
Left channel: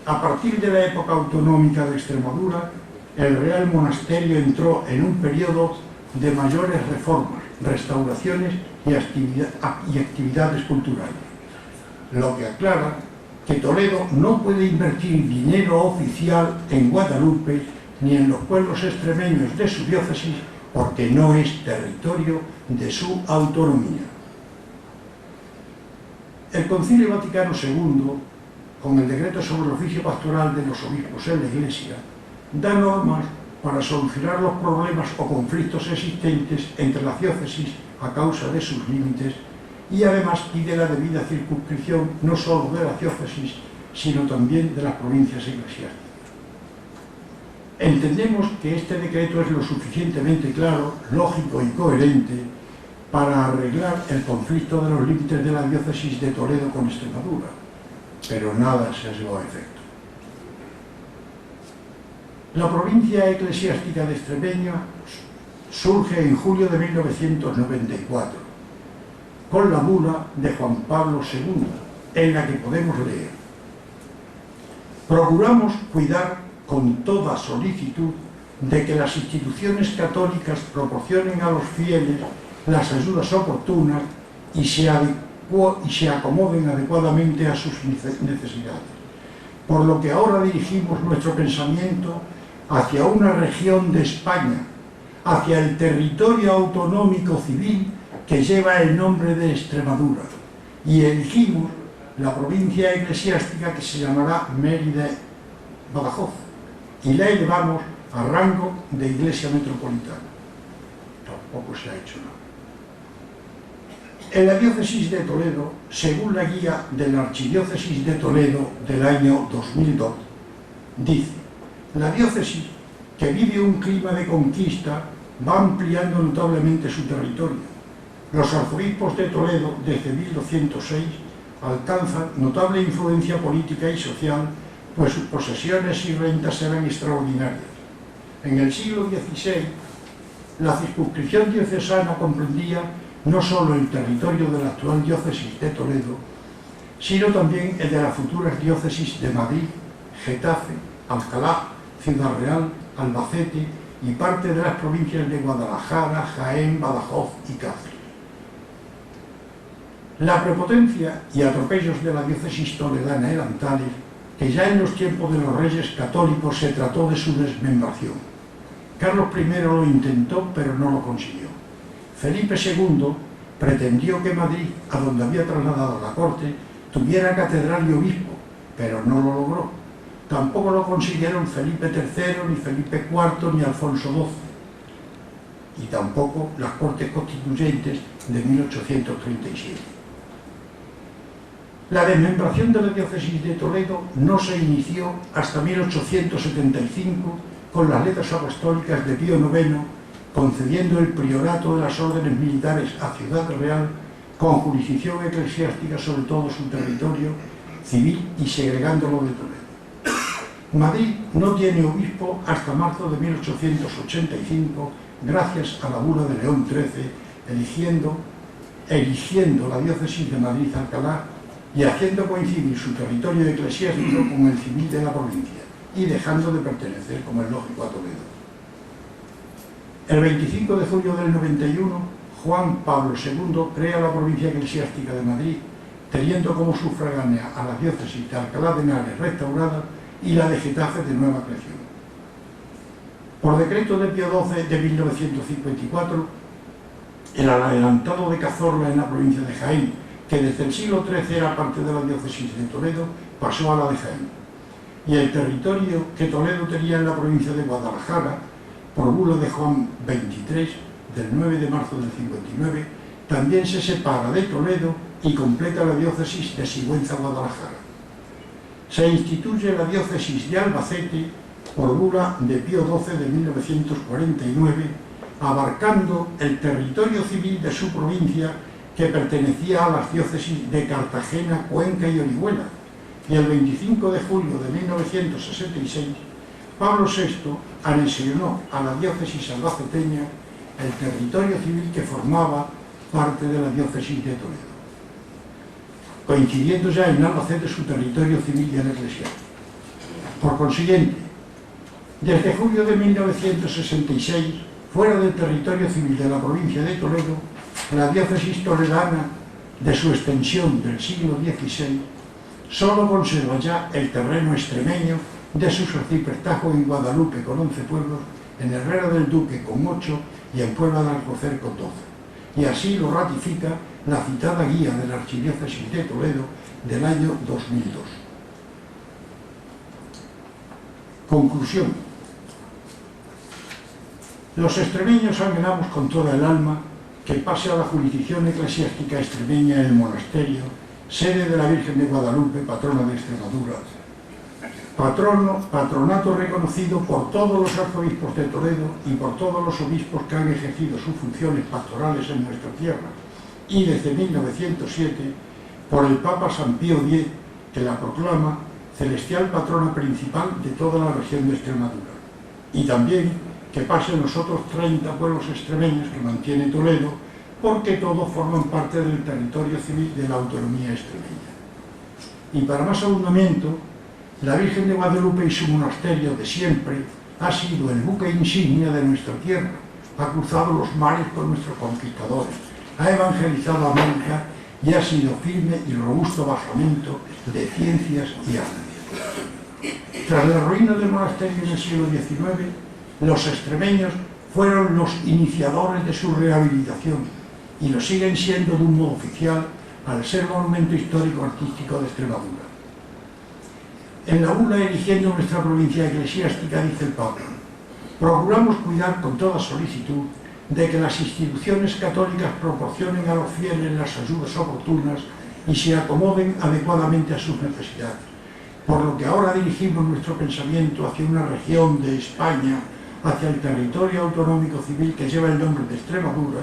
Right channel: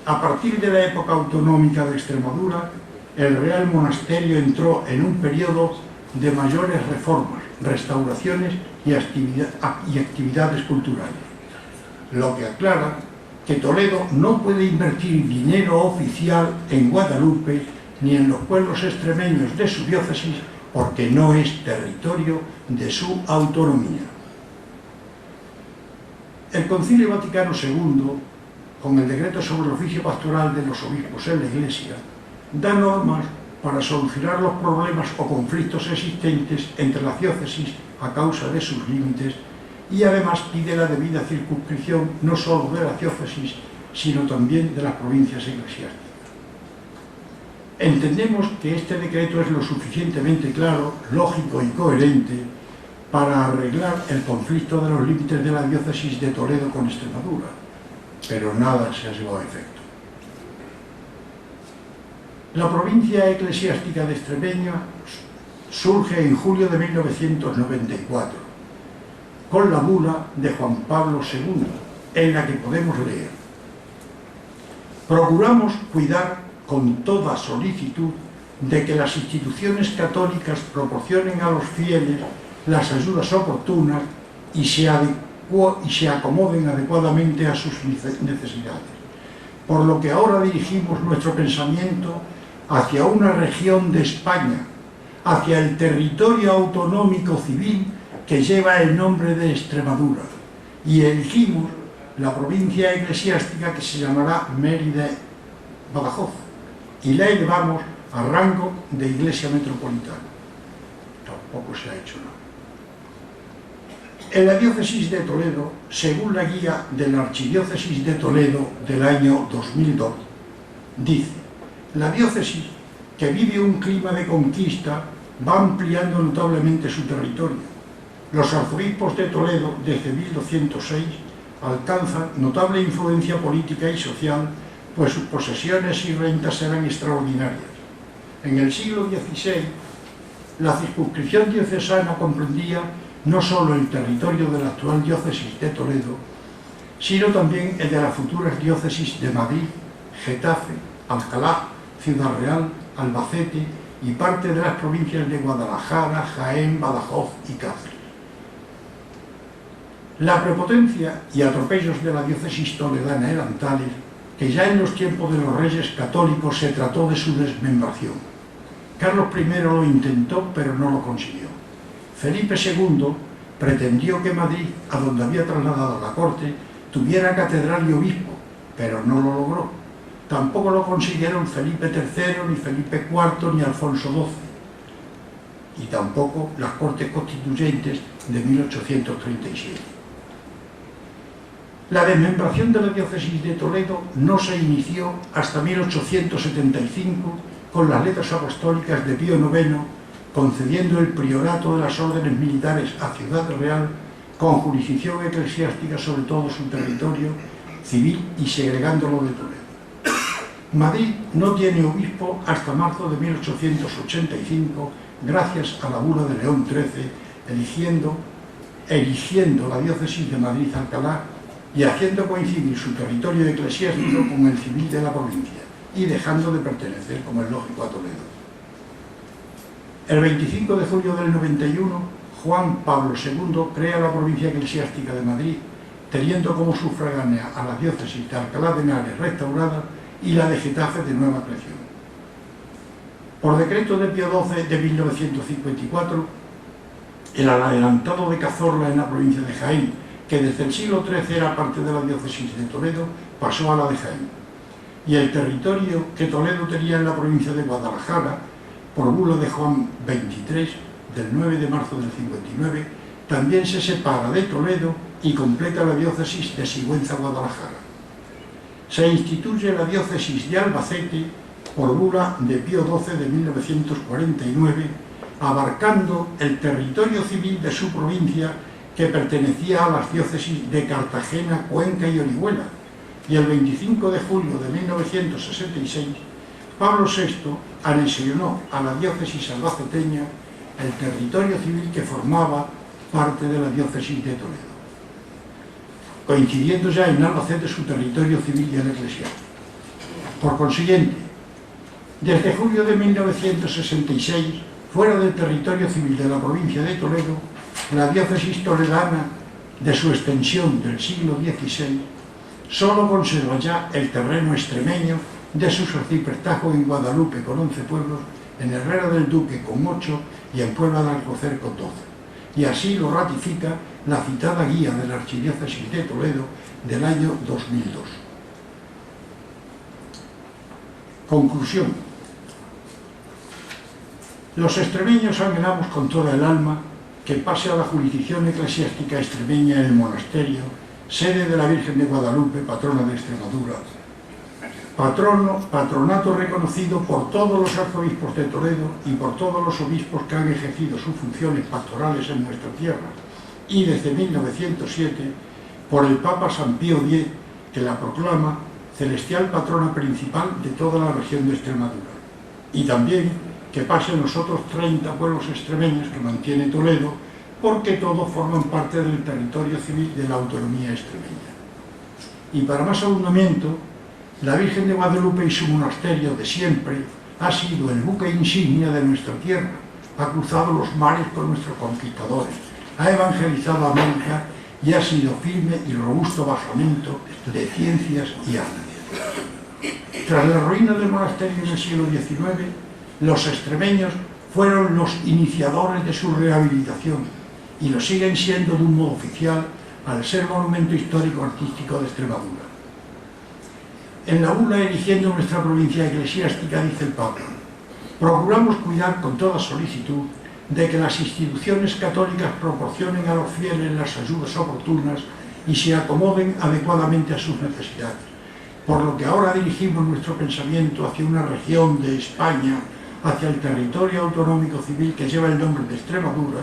a partir de la época autonómica de Extremadura, el Real Monasterio entró en un periodo de mayores reformas, restauraciones y actividades culturales, lo que aclara que Toledo no puede invertir dinero oficial en Guadalupe ni en los pueblos extremeños de su diócesis, porque no es territorio de su autonomía. El Concilio Vaticano II, con el decreto sobre el oficio pastoral de los obispos en la Iglesia, da normas para solucionar los problemas o conflictos existentes entre las diócesis a causa de sus límites, y además pide la debida circunscripción no solo de las diócesis, sino también de las provincias eclesiásticas. Entendemos que este decreto es lo suficientemente claro, lógico y coherente para arreglar el conflicto de los límites de la diócesis de Toledo con Extremadura, pero nada se ha llevado a efecto. La provincia eclesiástica de Extremeña surge en julio de 1994, con la bula de Juan Pablo II, en la que podemos leer: procuramos cuidar con toda solicitud de que las instituciones católicas proporcionen a los fieles las ayudas oportunas y se acomoden adecuadamente a sus necesidades, por lo que ahora dirigimos nuestro pensamiento hacia una región de España, hacia el territorio autonómico civil que lleva el nombre de Extremadura, y elegimos la provincia eclesiástica que se llamará Mérida-Badajoz, y la elevamos a rango de iglesia metropolitana. Tampoco se ha hecho nada. En la diócesis de Toledo, según la guía de la Archidiócesis de Toledo del año 2002, dice: la diócesis, que vive un clima de conquista, va ampliando notablemente su territorio. Los arzobispos de Toledo, desde 1206, alcanzan notable influencia política y social, pues sus posesiones y rentas eran extraordinarias. En el siglo XVI, la circunscripción diocesana comprendía no solo el territorio de la actual diócesis de Toledo, sino también el de las futuras diócesis de Madrid, Getafe, Alcalá, Ciudad Real, Albacete y parte de las provincias de Guadalajara, Jaén, Badajoz y Cáceres. La prepotencia y atropellos de la diócesis toledana eran tales que ya en los tiempos de los reyes católicos se trató de su desmembración. Carlos I lo intentó, pero no lo consiguió. Felipe II pretendió que Madrid, a donde había trasladado la corte, tuviera catedral y obispo, pero no lo logró. Tampoco lo consiguieron Felipe III, ni Felipe IV, ni Alfonso XII, y tampoco las Cortes Constituyentes de 1837. La desmembración de la diócesis de Toledo no se inició hasta 1875 con las letras apostólicas de Pío IX, concediendo el priorato de las órdenes militares a Ciudad Real con jurisdicción eclesiástica sobre todo su territorio civil y segregándolo de Toledo. Madrid no tiene obispo hasta marzo de 1885, gracias a la bula de León XIII, erigiendo la diócesis de Madrid-Alcalá y haciendo coincidir su territorio eclesiástico con el civil de la provincia y dejando de pertenecer, como es lógico, a Toledo. El 25 de julio del 91, Juan Pablo II crea la provincia eclesiástica de Madrid, teniendo como sufragánea a la diócesis de Alcalá de Henares restaurada y la de Getafe de nueva creación. Por decreto de Pío XII de 1954, el adelantado de Cazorla en la provincia de Jaén, que desde el siglo XIII era parte de la diócesis de Toledo, pasó a la de Jaén. Y el territorio que Toledo tenía en la provincia de Guadalajara, por bula de Juan XXIII, del 9 de marzo del 59, también se separa de Toledo y completa la diócesis de Sigüenza-Guadalajara. Se instituye la diócesis de Albacete por bula de Pío XII de 1949, abarcando el territorio civil de su provincia que pertenecía a las diócesis de Cartagena, Cuenca y Orihuela, y el 25 de julio de 1966, Pablo VI anexionó a la diócesis albaceteña el territorio civil que formaba parte de la diócesis de Toledo, coincidiendo ya en Albacete su territorio civil y el eclesiástico. Por consiguiente, desde julio de 1966, fuera del territorio civil de la provincia de Toledo, la diócesis toledana, de su extensión del siglo XVI, solo conserva ya el terreno extremeño de su arciprestajo en Guadalupe con 11 pueblos, en Herrera del Duque con 8 y en Puebla de Alcocer con 12. Y así lo ratifica la citada guía de la Archidiócesis de Toledo del año 2002. Conclusión. Los extremeños anhelamos con toda el alma que pase a la jurisdicción eclesiástica extremeña el monasterio, sede de la Virgen de Guadalupe, patrona de Extremadura, patronato reconocido por todos los arzobispos de Toledo y por todos los obispos que han ejercido sus funciones pastorales en nuestra tierra, y desde 1907 por el Papa San Pío X, que la proclama celestial patrona principal de toda la región de Extremadura, y también que pasen los otros 30 pueblos extremeños que mantiene Toledo, porque todos forman parte del territorio civil de la autonomía extremeña. Y para más abundamiento, la Virgen de Guadalupe y su monasterio de siempre ha sido el buque insignia de nuestra tierra, ha cruzado los mares con nuestros conquistadores, ha evangelizado a América y ha sido firme y robusto basamento de ciencias y artes. Tras la ruina del monasterio en el siglo XIX, los extremeños fueron los iniciadores de su rehabilitación y lo siguen siendo de un modo oficial al ser monumento histórico artístico de Extremadura. En la bula erigiendo nuestra provincia eclesiástica, dice el Papa, procuramos cuidar con toda solicitud de que las instituciones católicas proporcionen a los fieles las ayudas oportunas y se acomoden adecuadamente a sus necesidades, por lo que ahora dirigimos nuestro pensamiento hacia una región de España, hacia el territorio autonómico civil que lleva el nombre de Extremadura,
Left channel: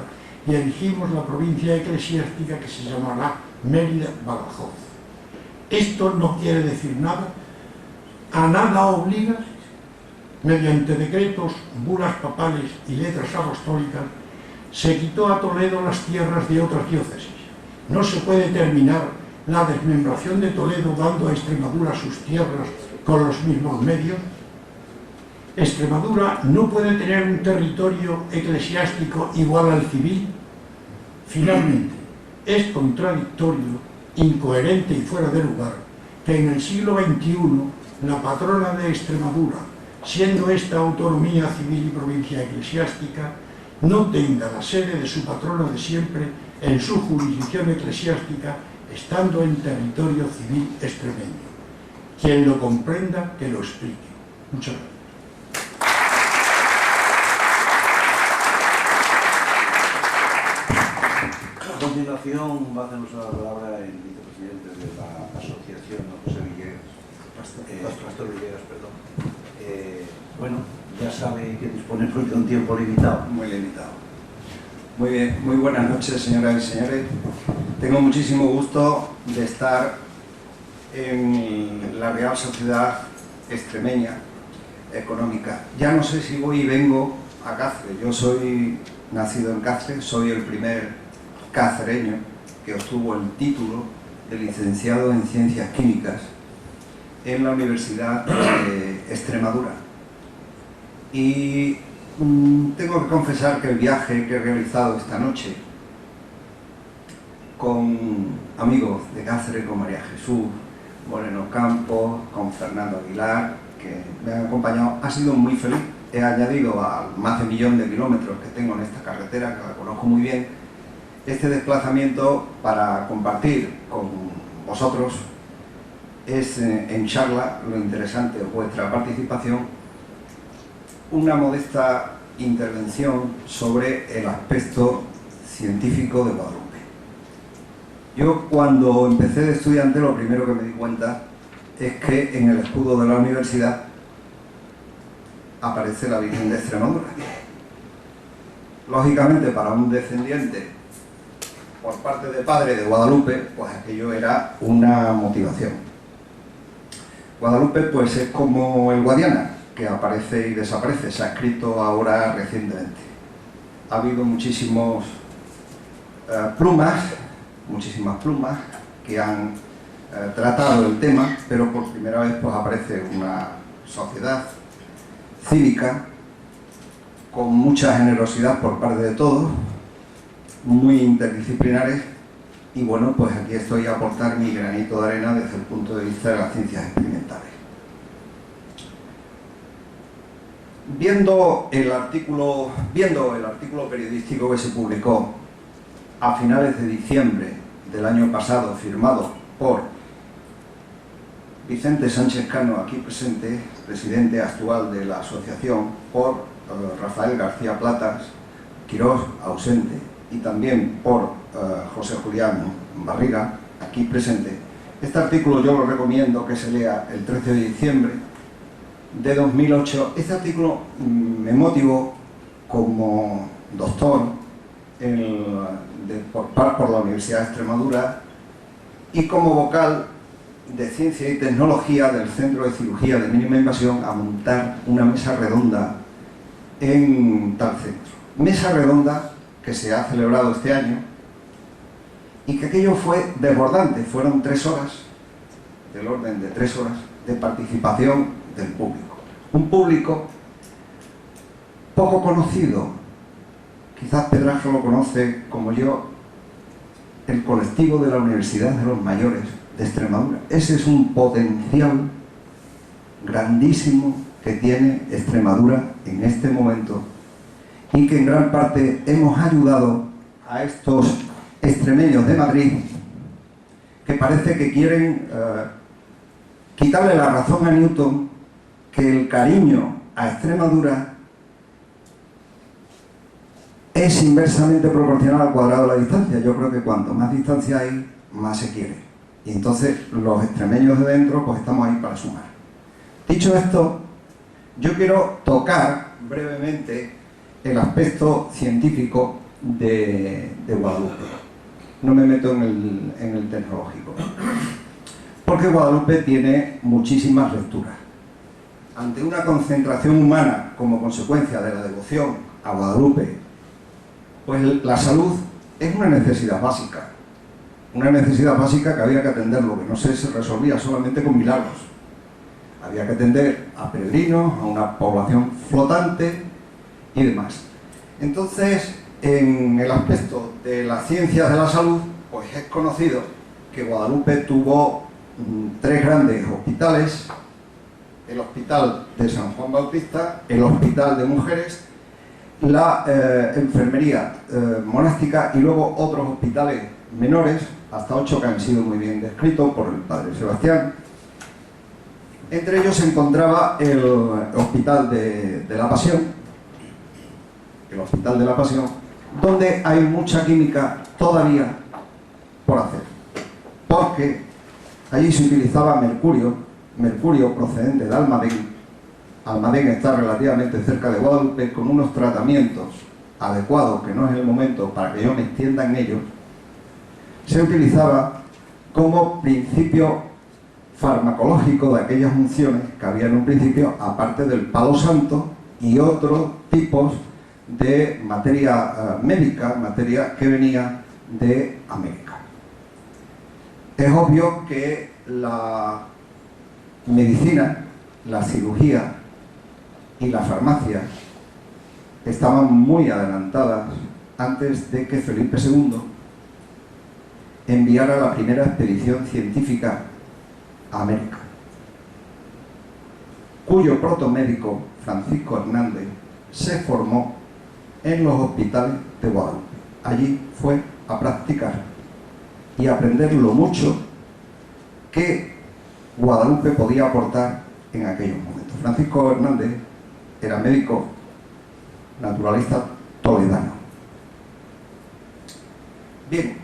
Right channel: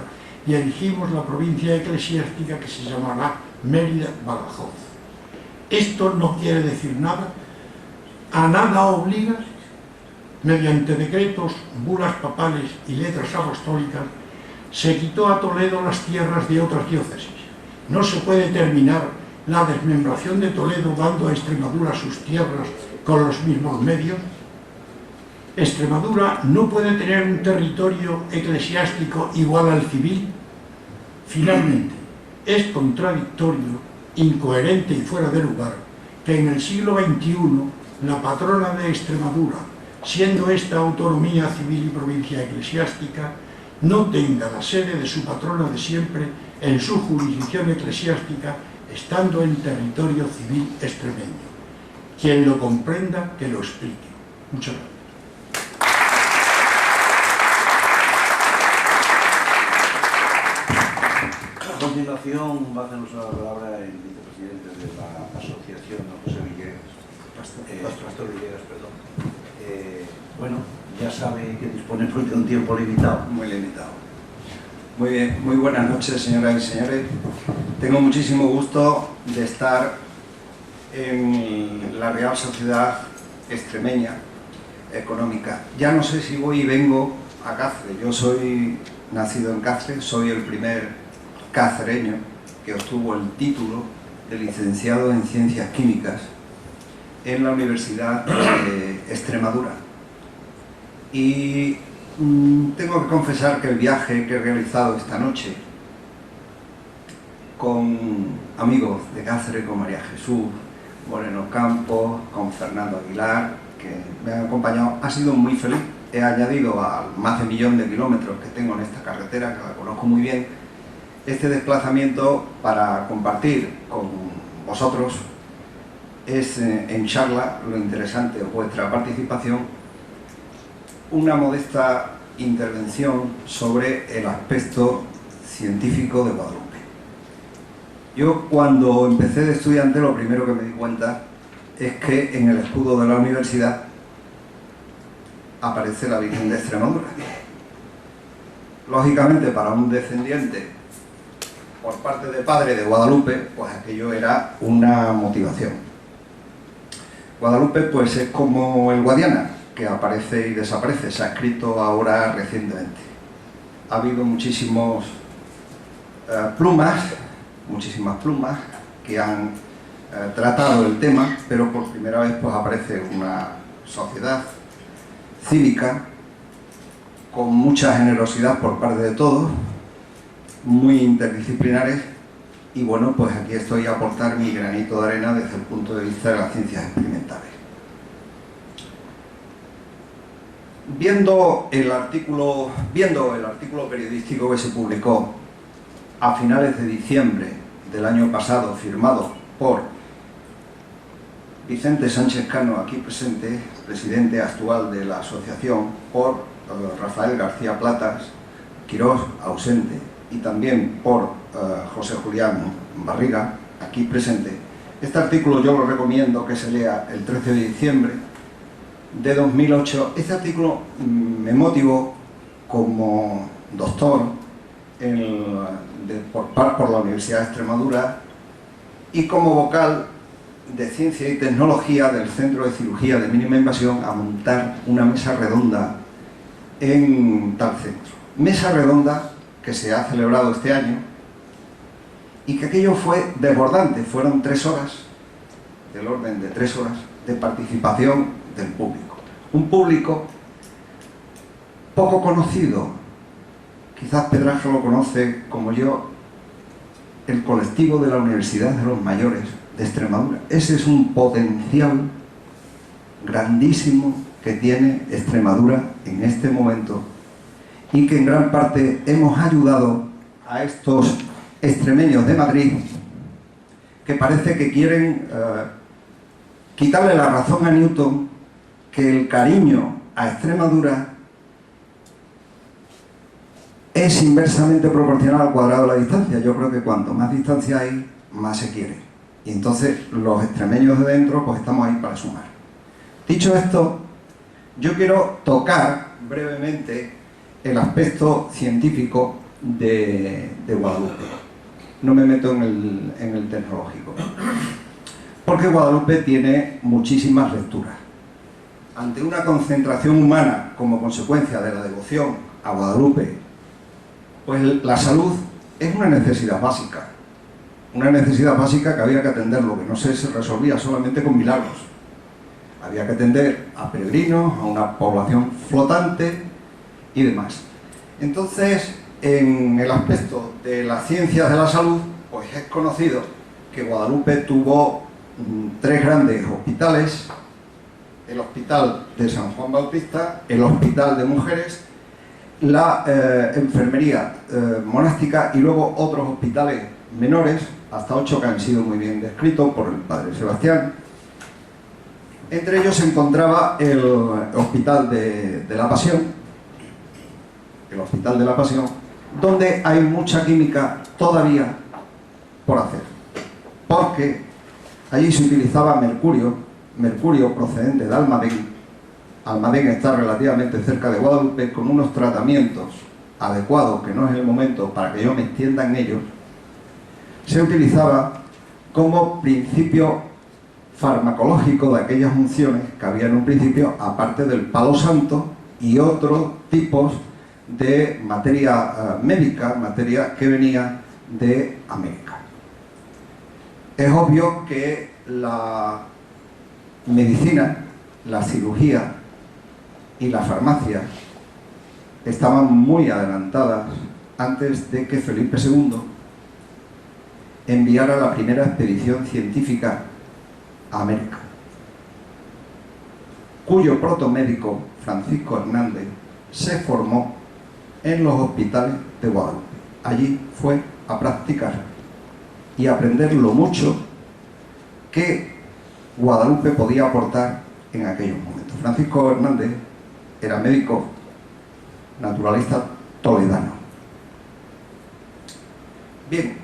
y elegimos la provincia eclesiástica que se llamará Mérida-Badajoz. Esto no quiere decir nada, a nada obliga. Mediante decretos, bulas papales y letras apostólicas, se quitó a Toledo las tierras de otras diócesis. No se puede terminar la desmembración de Toledo dando a Extremadura sus tierras con los mismos medios. Extremadura no puede tener un territorio eclesiástico igual al civil. Finalmente, es contradictorio, incoherente y fuera de lugar que en el siglo XXI la patrona de Extremadura, siendo esta autonomía civil y provincia eclesiástica, no tenga la sede de su patrona de siempre en su jurisdicción eclesiástica, estando en territorio civil extremeño. Quien lo comprenda, que lo explique. Muchas gracias. continuación va a hacer uso de la palabra el vicepresidente de la asociación, José Villegas. Pastor Villegas, perdón. Bueno, ya sabe que disponemos de un tiempo limitado. Muy limitado. Muy bien, muy buenas noches, señoras y señores. Tengo muchísimo gusto de estar en la Real Sociedad Extremeña Económica. Ya no sé si voy y vengo a Cáceres. Yo soy nacido en Cáceres, soy el primer cacereño que obtuvo el título de licenciado en Ciencias Químicas en la Universidad de Extremadura. Y tengo que confesar que el viaje que he realizado esta noche con amigos de Cáceres, con María Jesús Moreno Campos, con Fernando Aguilar, que me han acompañado, ha sido muy feliz. He añadido al más de 1 millón de kilómetros que tengo en esta carretera, que la conozco muy bien, este desplazamiento para compartir con vosotros. Es en charla, lo interesante es vuestra participación, una modesta intervención sobre el aspecto científico de Guadalupe. Yo, cuando empecé de estudiante, lo primero que me di cuenta es que en el escudo de la universidad aparece la Virgen de Extremadura. Lógicamente, para un descendiente por parte de padre de Guadalupe, pues aquello era una motivación. Guadalupe pues es como el Guadiana, que aparece y desaparece. Se ha escrito ahora recientemente. Ha habido muchísimas plumas que han tratado el tema, pero por primera vez pues aparece una sociedad cívica con mucha generosidad por parte de todos, muy interdisciplinares, y bueno, pues aquí estoy a aportar mi granito de arena desde el punto de vista de las ciencias experimentales. Viendo el artículo periodístico que se publicó a finales de diciembre del año pasado, firmado por Vicente Sánchez Cano, aquí presente, presidente actual de la asociación, por Rafael García Platas, Quirós, ausente, y también por José Julián Barriga, aquí presente. Este artículo yo lo recomiendo que se lea el 13 de diciembre de 2008. Este artículo me motivó como doctor por la Universidad de Extremadura y como vocal de Ciencia y Tecnología del Centro de Cirugía de Mínima Invasión a montar una mesa redonda en tal centro. Mesa redonda que se ha celebrado este año y que aquello fue desbordante. Fueron 3 horas, del orden de 3 horas, de participación del público. Un público poco conocido, quizás Pedraja lo conoce como yo, el colectivo de la Universidad de los Mayores de Extremadura. Ese es un potencial grandísimo que tiene Extremadura en este momento y que en gran parte hemos ayudado a estos extremeños de Madrid que parece que quieren quitarle la razón a Newton, que el cariño a Extremadura es inversamente proporcional al cuadrado de la distancia. Yo creo que cuanto más distancia hay, más se quiere. Y entonces los extremeños de dentro pues estamos ahí para sumar. Dicho esto, yo quiero tocar brevemente el aspecto científico de Guadalupe. No me meto en el tecnológico, porque Guadalupe tiene muchísimas lecturas. Ante una concentración humana como consecuencia de la devoción a Guadalupe, pues la salud es una necesidad básica que había que atenderlo, que no se resolvía solamente con milagros. Había que atender a peregrinos, a una población flotante y demás. Entonces, en el aspecto de las ciencias de la salud, pues es conocido que Guadalupe tuvo 3 grandes hospitales: el Hospital de San Juan Bautista, el Hospital de Mujeres, la enfermería monástica y luego otros hospitales menores, hasta 8 que han sido muy bien descritos por el padre Sebastián. Entre ellos se encontraba el Hospital de la Pasión, donde hay mucha química todavía por hacer, porque allí se utilizaba mercurio procedente de Almadén. Almadén está relativamente cerca de Guadalupe, con unos tratamientos adecuados, que no es el momento para que yo me extienda en ellos. Se utilizaba como principio farmacológico de aquellas unciones que había en un principio, aparte del palo santo y otros tipos de materia médica, materia que venía de América. Es obvio que la medicina, la cirugía y la farmacia estaban muy adelantadas antes de que Felipe II enviara la primera expedición científica a América, cuyo protomédico, Francisco Hernández, se formó en los hospitales de Guadalupe. Allí fue a practicar y a aprender lo mucho que Guadalupe podía aportar en aquellos momentos. Francisco Hernández era médico naturalista toledano. Bien,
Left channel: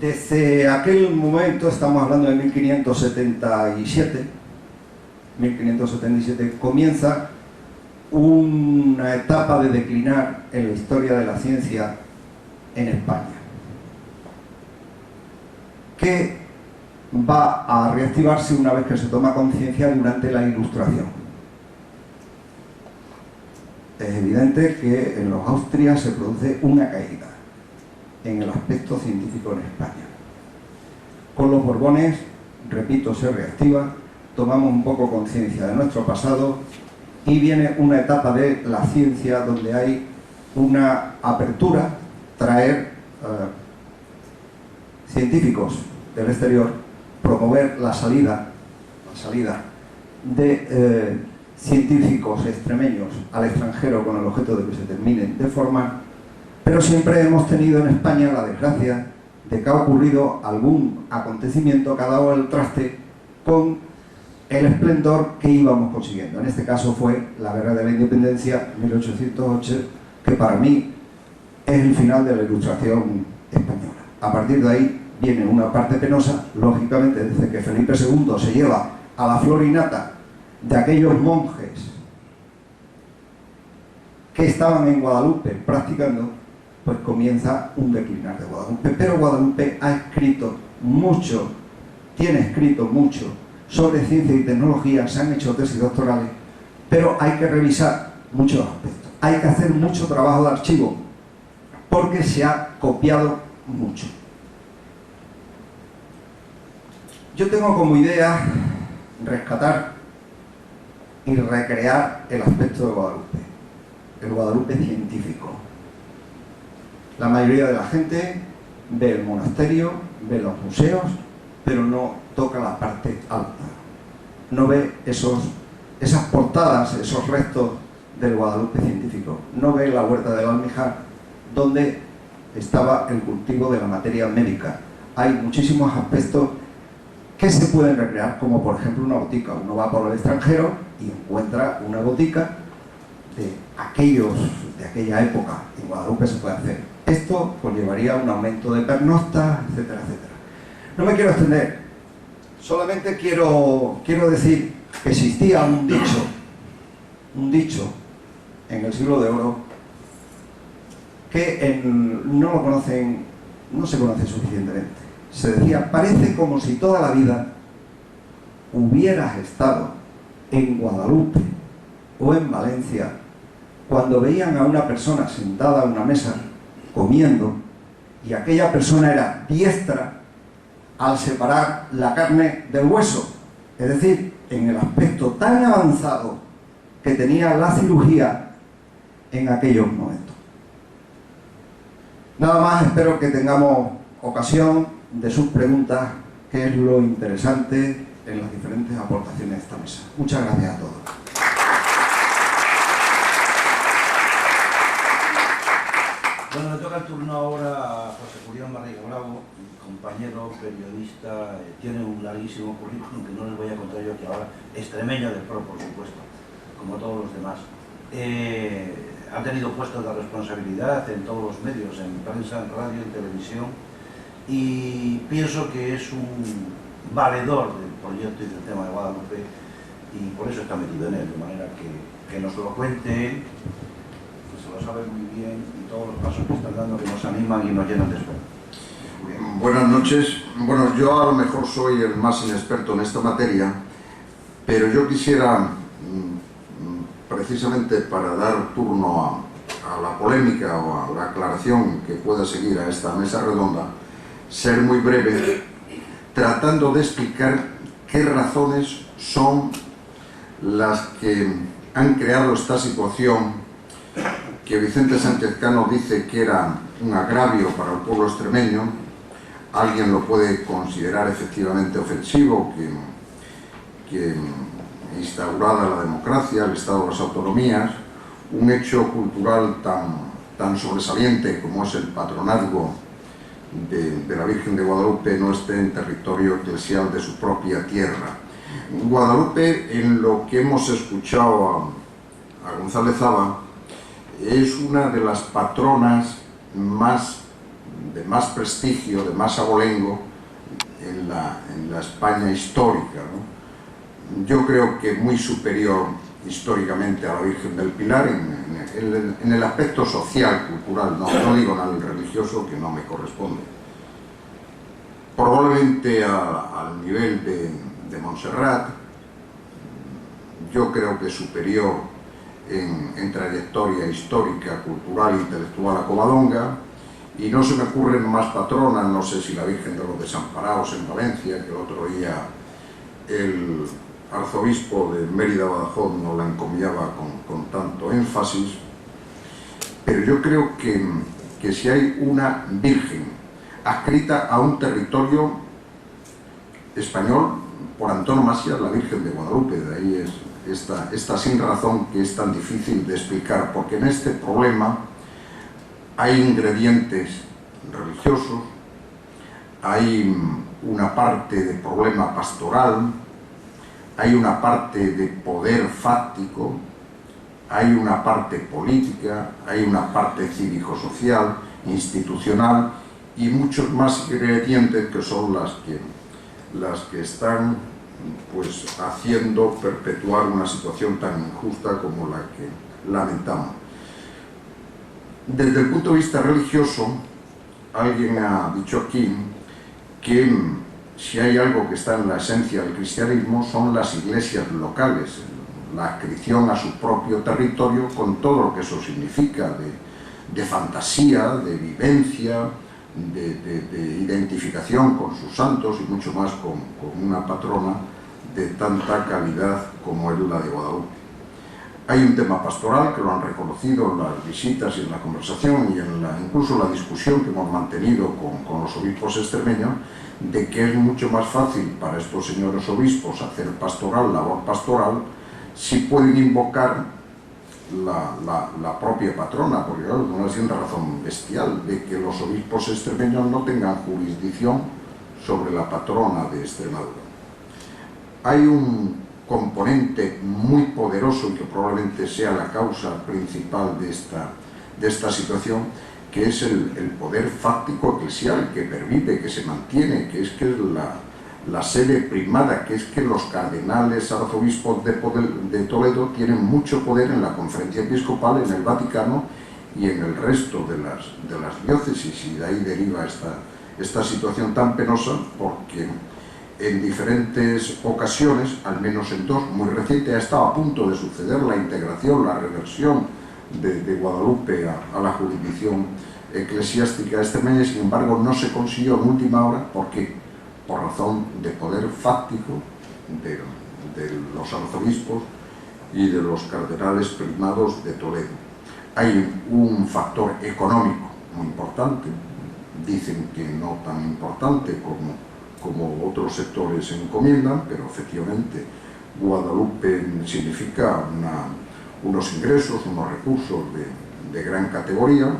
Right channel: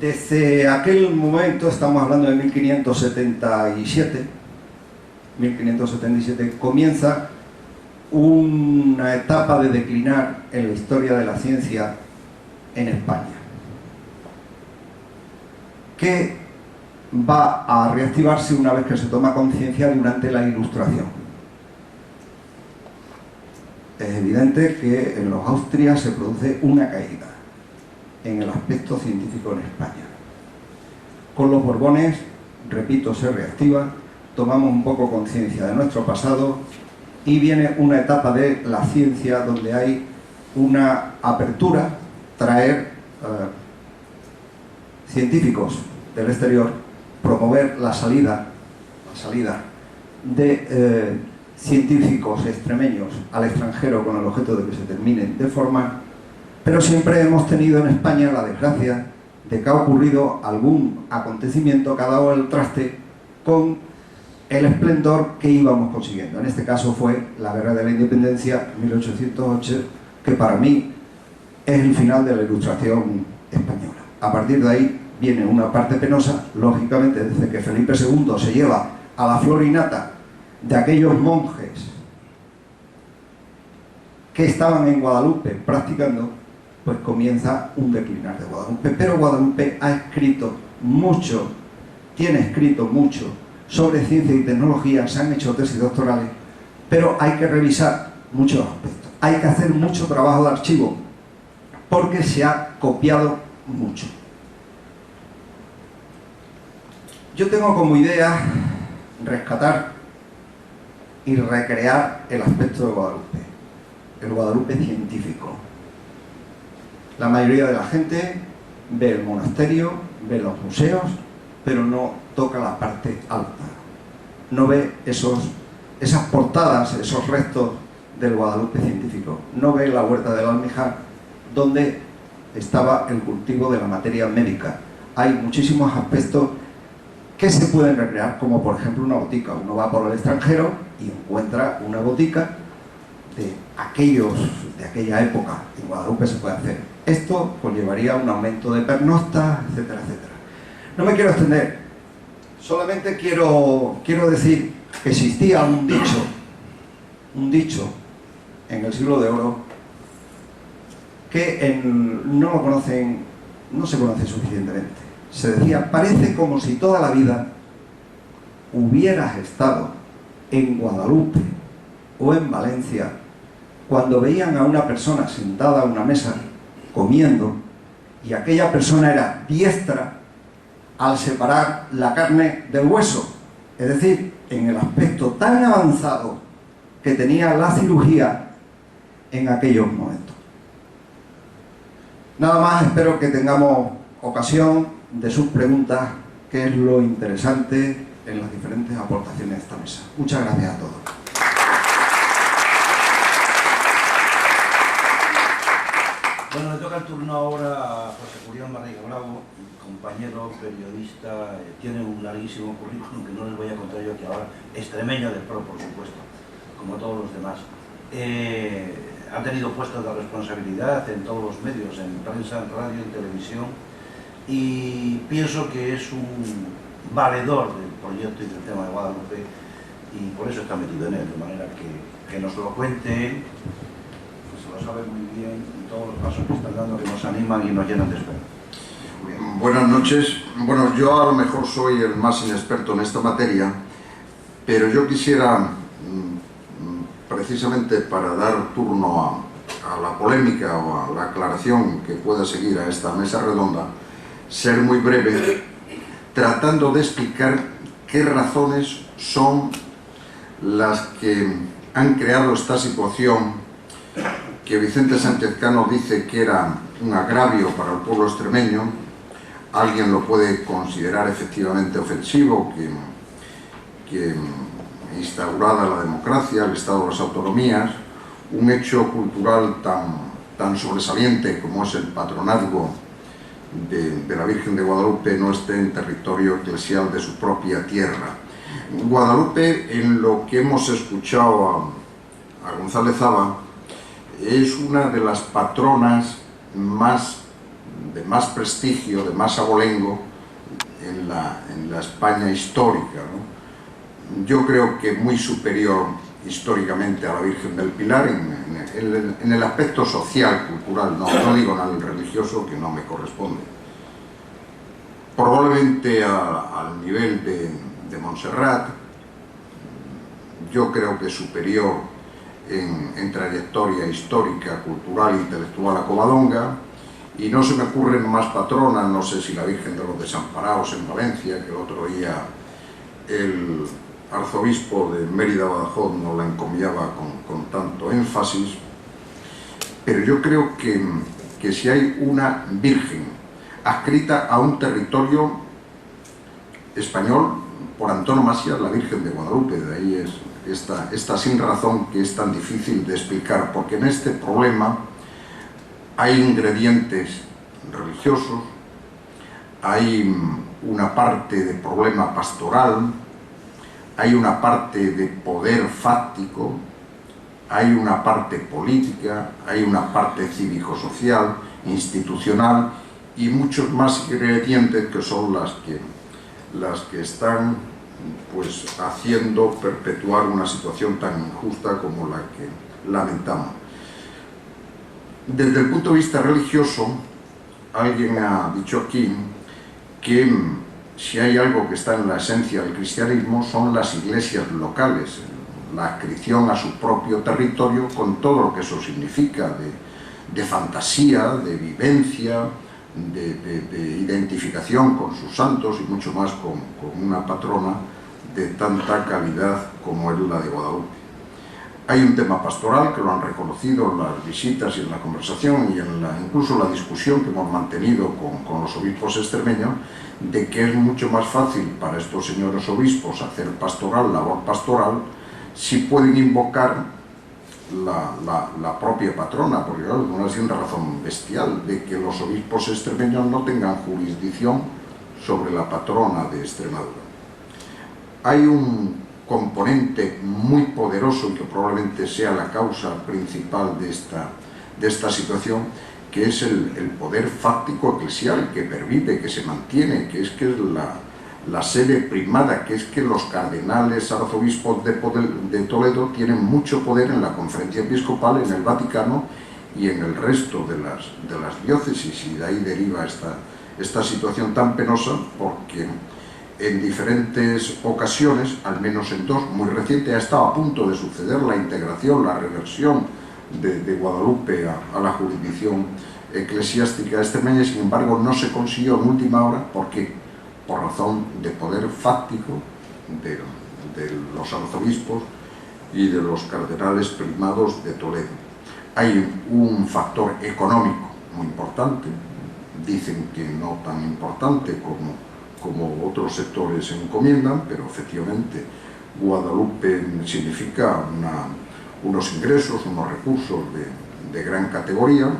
desde aquel momento, estamos hablando de 1577, comienza una etapa de declinar en la historia de la ciencia en España, que va a reactivarse una vez que se toma conciencia durante la Ilustración. Es evidente que en los Austrias se produce una caída en el aspecto científico en España. Con los Borbones, repito, se reactiva, tomamos un poco conciencia de nuestro pasado y viene una etapa de la ciencia donde hay una apertura, traer científicos del exterior, promover la salida de científicos extremeños al extranjero con el objeto de que se terminen de formar, pero siempre hemos tenido en España la desgracia de que ha ocurrido algún acontecimiento que ha dado el traste con el esplendor que íbamos consiguiendo. En este caso fue la Guerra de la Independencia, 1808, que para mí es el final de la Ilustración española. A partir de ahí viene una parte penosa, lógicamente, desde que Felipe II se lleva a la flor y nata de aquellos monjes que estaban en Guadalupe practicando, pues comienza un declinar de Guadalupe. Pero Guadalupe ha escrito mucho, tiene escrito mucho sobre ciencia y tecnología, se han hecho tesis doctorales, pero hay que revisar muchos aspectos, hay que hacer mucho trabajo de archivo, porque se ha copiado mucho. Yo tengo como idea rescatar y recrear el aspecto de Guadalupe, el Guadalupe científico. La mayoría de la gente ve el monasterio, ve los museos, pero no toca la parte alta, no ve esas portadas, esos restos del Guadalupe científico, no ve la huerta del Almijar, donde estaba el cultivo de la materia médica. Hay muchísimos aspectos que se pueden recrear, como por ejemplo una botica. Uno va por el extranjero y encuentra una botica de aquella época. En Guadalupe se puede hacer. Esto conllevaría un aumento de pernoctas, etcétera, etcétera. No me quiero extender, solamente quiero decir que existía un dicho en el siglo de oro que no se conoce suficientemente. Se decía: parece como si toda la vida hubieras estado en Guadalupe o en Valencia cuando veían a una persona sentada a una mesa comiendo y aquella persona era diestra al separar la carne del hueso, es decir, en el aspecto tan avanzado que tenía la cirugía en aquellos momentos. Nada más, espero que tengamos ocasión de sus preguntas, que es lo interesante en las diferentes aportaciones de esta mesa. Muchas gracias a todos. Bueno, le toca el turno ahora a José Julián Barriga Bravo, compañero, periodista, tiene un larguísimo currículum que no les voy a contar yo aquí ahora, extremeño del PRO, por supuesto, como todos los demás. han tenido puestos de responsabilidad en todos los medios, en prensa, en radio, en televisión, y pienso que es un valedor del proyecto y del tema de Guadalupe, y por eso está metido en él, de manera que nos lo cuente él, que se lo sabe muy bien, y todos los pasos que están dando que nos animan y nos llenan de esperanza. Buenas noches. Bueno, yo a lo mejor soy el más inexperto en esta materia, pero yo quisiera, precisamente para dar turno a la polémica o a la aclaración que pueda seguir a esta mesa redonda, ser muy breve, tratando de explicar qué razones son las que han creado esta situación que Vicente Sánchez Cano dice que era un agravio para el pueblo extremeño. Alguien lo puede considerar efectivamente ofensivo, que instaurada la democracia, el Estado de las autonomías, un hecho cultural tan sobresaliente como es el patronazgo de la Virgen de Guadalupe no esté en territorio eclesial de su propia tierra. Guadalupe, en lo que hemos escuchado a González Zaba, es una de las patronas de más prestigio, de más abolengo en la España histórica, ¿no? Yo creo que muy superior históricamente a la Virgen del Pilar en el aspecto social, cultural, no digo en el religioso, que no me corresponde. Probablemente al nivel de Montserrat, yo creo que superior en trayectoria histórica, cultural e intelectual a Covadonga, y no se me ocurren más patronas, no sé si la Virgen de los Desamparados en Valencia, que el otro día el arzobispo de Mérida-Badajoz no la encomiaba con tanto énfasis, pero yo creo que si hay una Virgen adscrita a un territorio español, por antonomasia, la Virgen de Guadalupe. De ahí es esta sin razón que es tan difícil de explicar, porque en este problema hay ingredientes religiosos, hay una parte de problema pastoral, hay una parte de poder fáctico, hay una parte política, hay una parte cívico-social, institucional y muchos más ingredientes que son las que están pues haciendo perpetuar una situación tan injusta como la que lamentamos. Desde el punto de vista religioso, alguien ha dicho aquí que si hay algo que está en la esencia del cristianismo son las iglesias locales, la adscripción a su propio territorio con todo lo que eso significa de fantasía, de vivencia, de identificación con sus santos y mucho más con una patrona de tanta calidad como es la de Guadalupe. Hay un tema pastoral que lo han reconocido en las visitas y en la conversación y incluso la discusión que hemos mantenido con los obispos extremeños, de que es mucho más fácil para estos señores obispos hacer labor pastoral, si pueden invocar la propia patrona, porque claro, es una sin razón bestial de que los obispos extremeños no tengan jurisdicción sobre la patrona de Extremadura. Hay un componente muy poderoso y que probablemente sea la causa principal de esta situación, que es el poder fáctico eclesial que permite, que se mantiene, que es la sede primada, que es que los cardenales arzobispos de Toledo tienen mucho poder en la conferencia episcopal, en el Vaticano y en el resto de las diócesis, y de ahí deriva esta situación tan penosa, porque en diferentes ocasiones, al menos en dos, muy reciente, ha estado a punto de suceder la integración, la reversión de Guadalupe a la jurisdicción eclesiástica extremeña, sin embargo no se consiguió en última hora, porque por razón de poder fáctico de los arzobispos y de los cardenales primados de Toledo. Hay un factor económico muy importante, dicen que no tan importante como otros sectores encomiendan, pero efectivamente Guadalupe significa unos ingresos, unos recursos de gran categoría.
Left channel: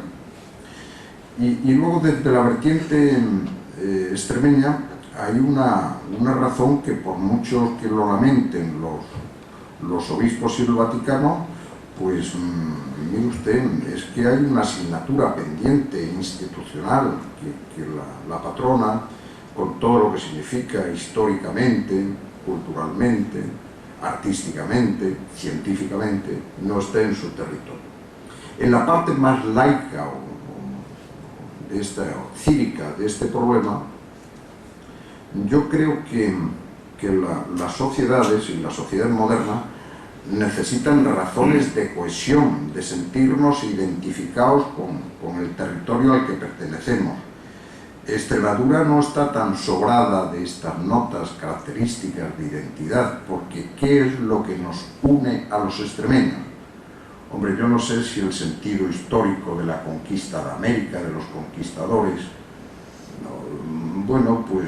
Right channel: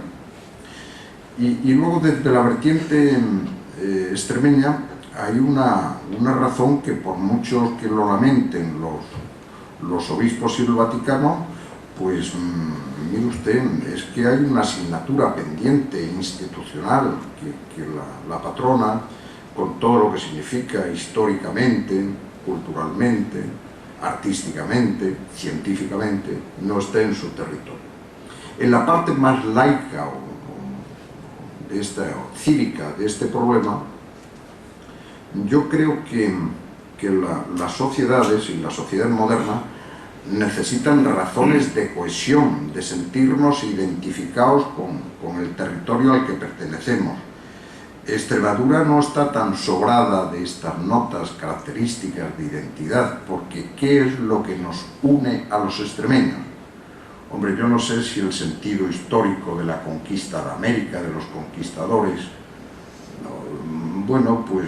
Y luego desde la vertiente extremeña hay una razón que, por muchos que lo lamenten los obispos y el Vaticano, Pues mire usted, es que hay una asignatura pendiente institucional que la patrona, con todo lo que significa históricamente, culturalmente, artísticamente, científicamente, no está en su territorio. En la parte más laica o cívica de este problema, yo creo que las sociedades y la sociedad moderna necesitan razones de cohesión, de sentirnos identificados con el territorio al que pertenecemos. Extremadura no está tan sobrada de estas notas características de identidad, porque ¿qué es lo que nos une a los extremeños? Hombre, yo no sé si el sentido histórico de la conquista de América, de los conquistadores, bueno, pues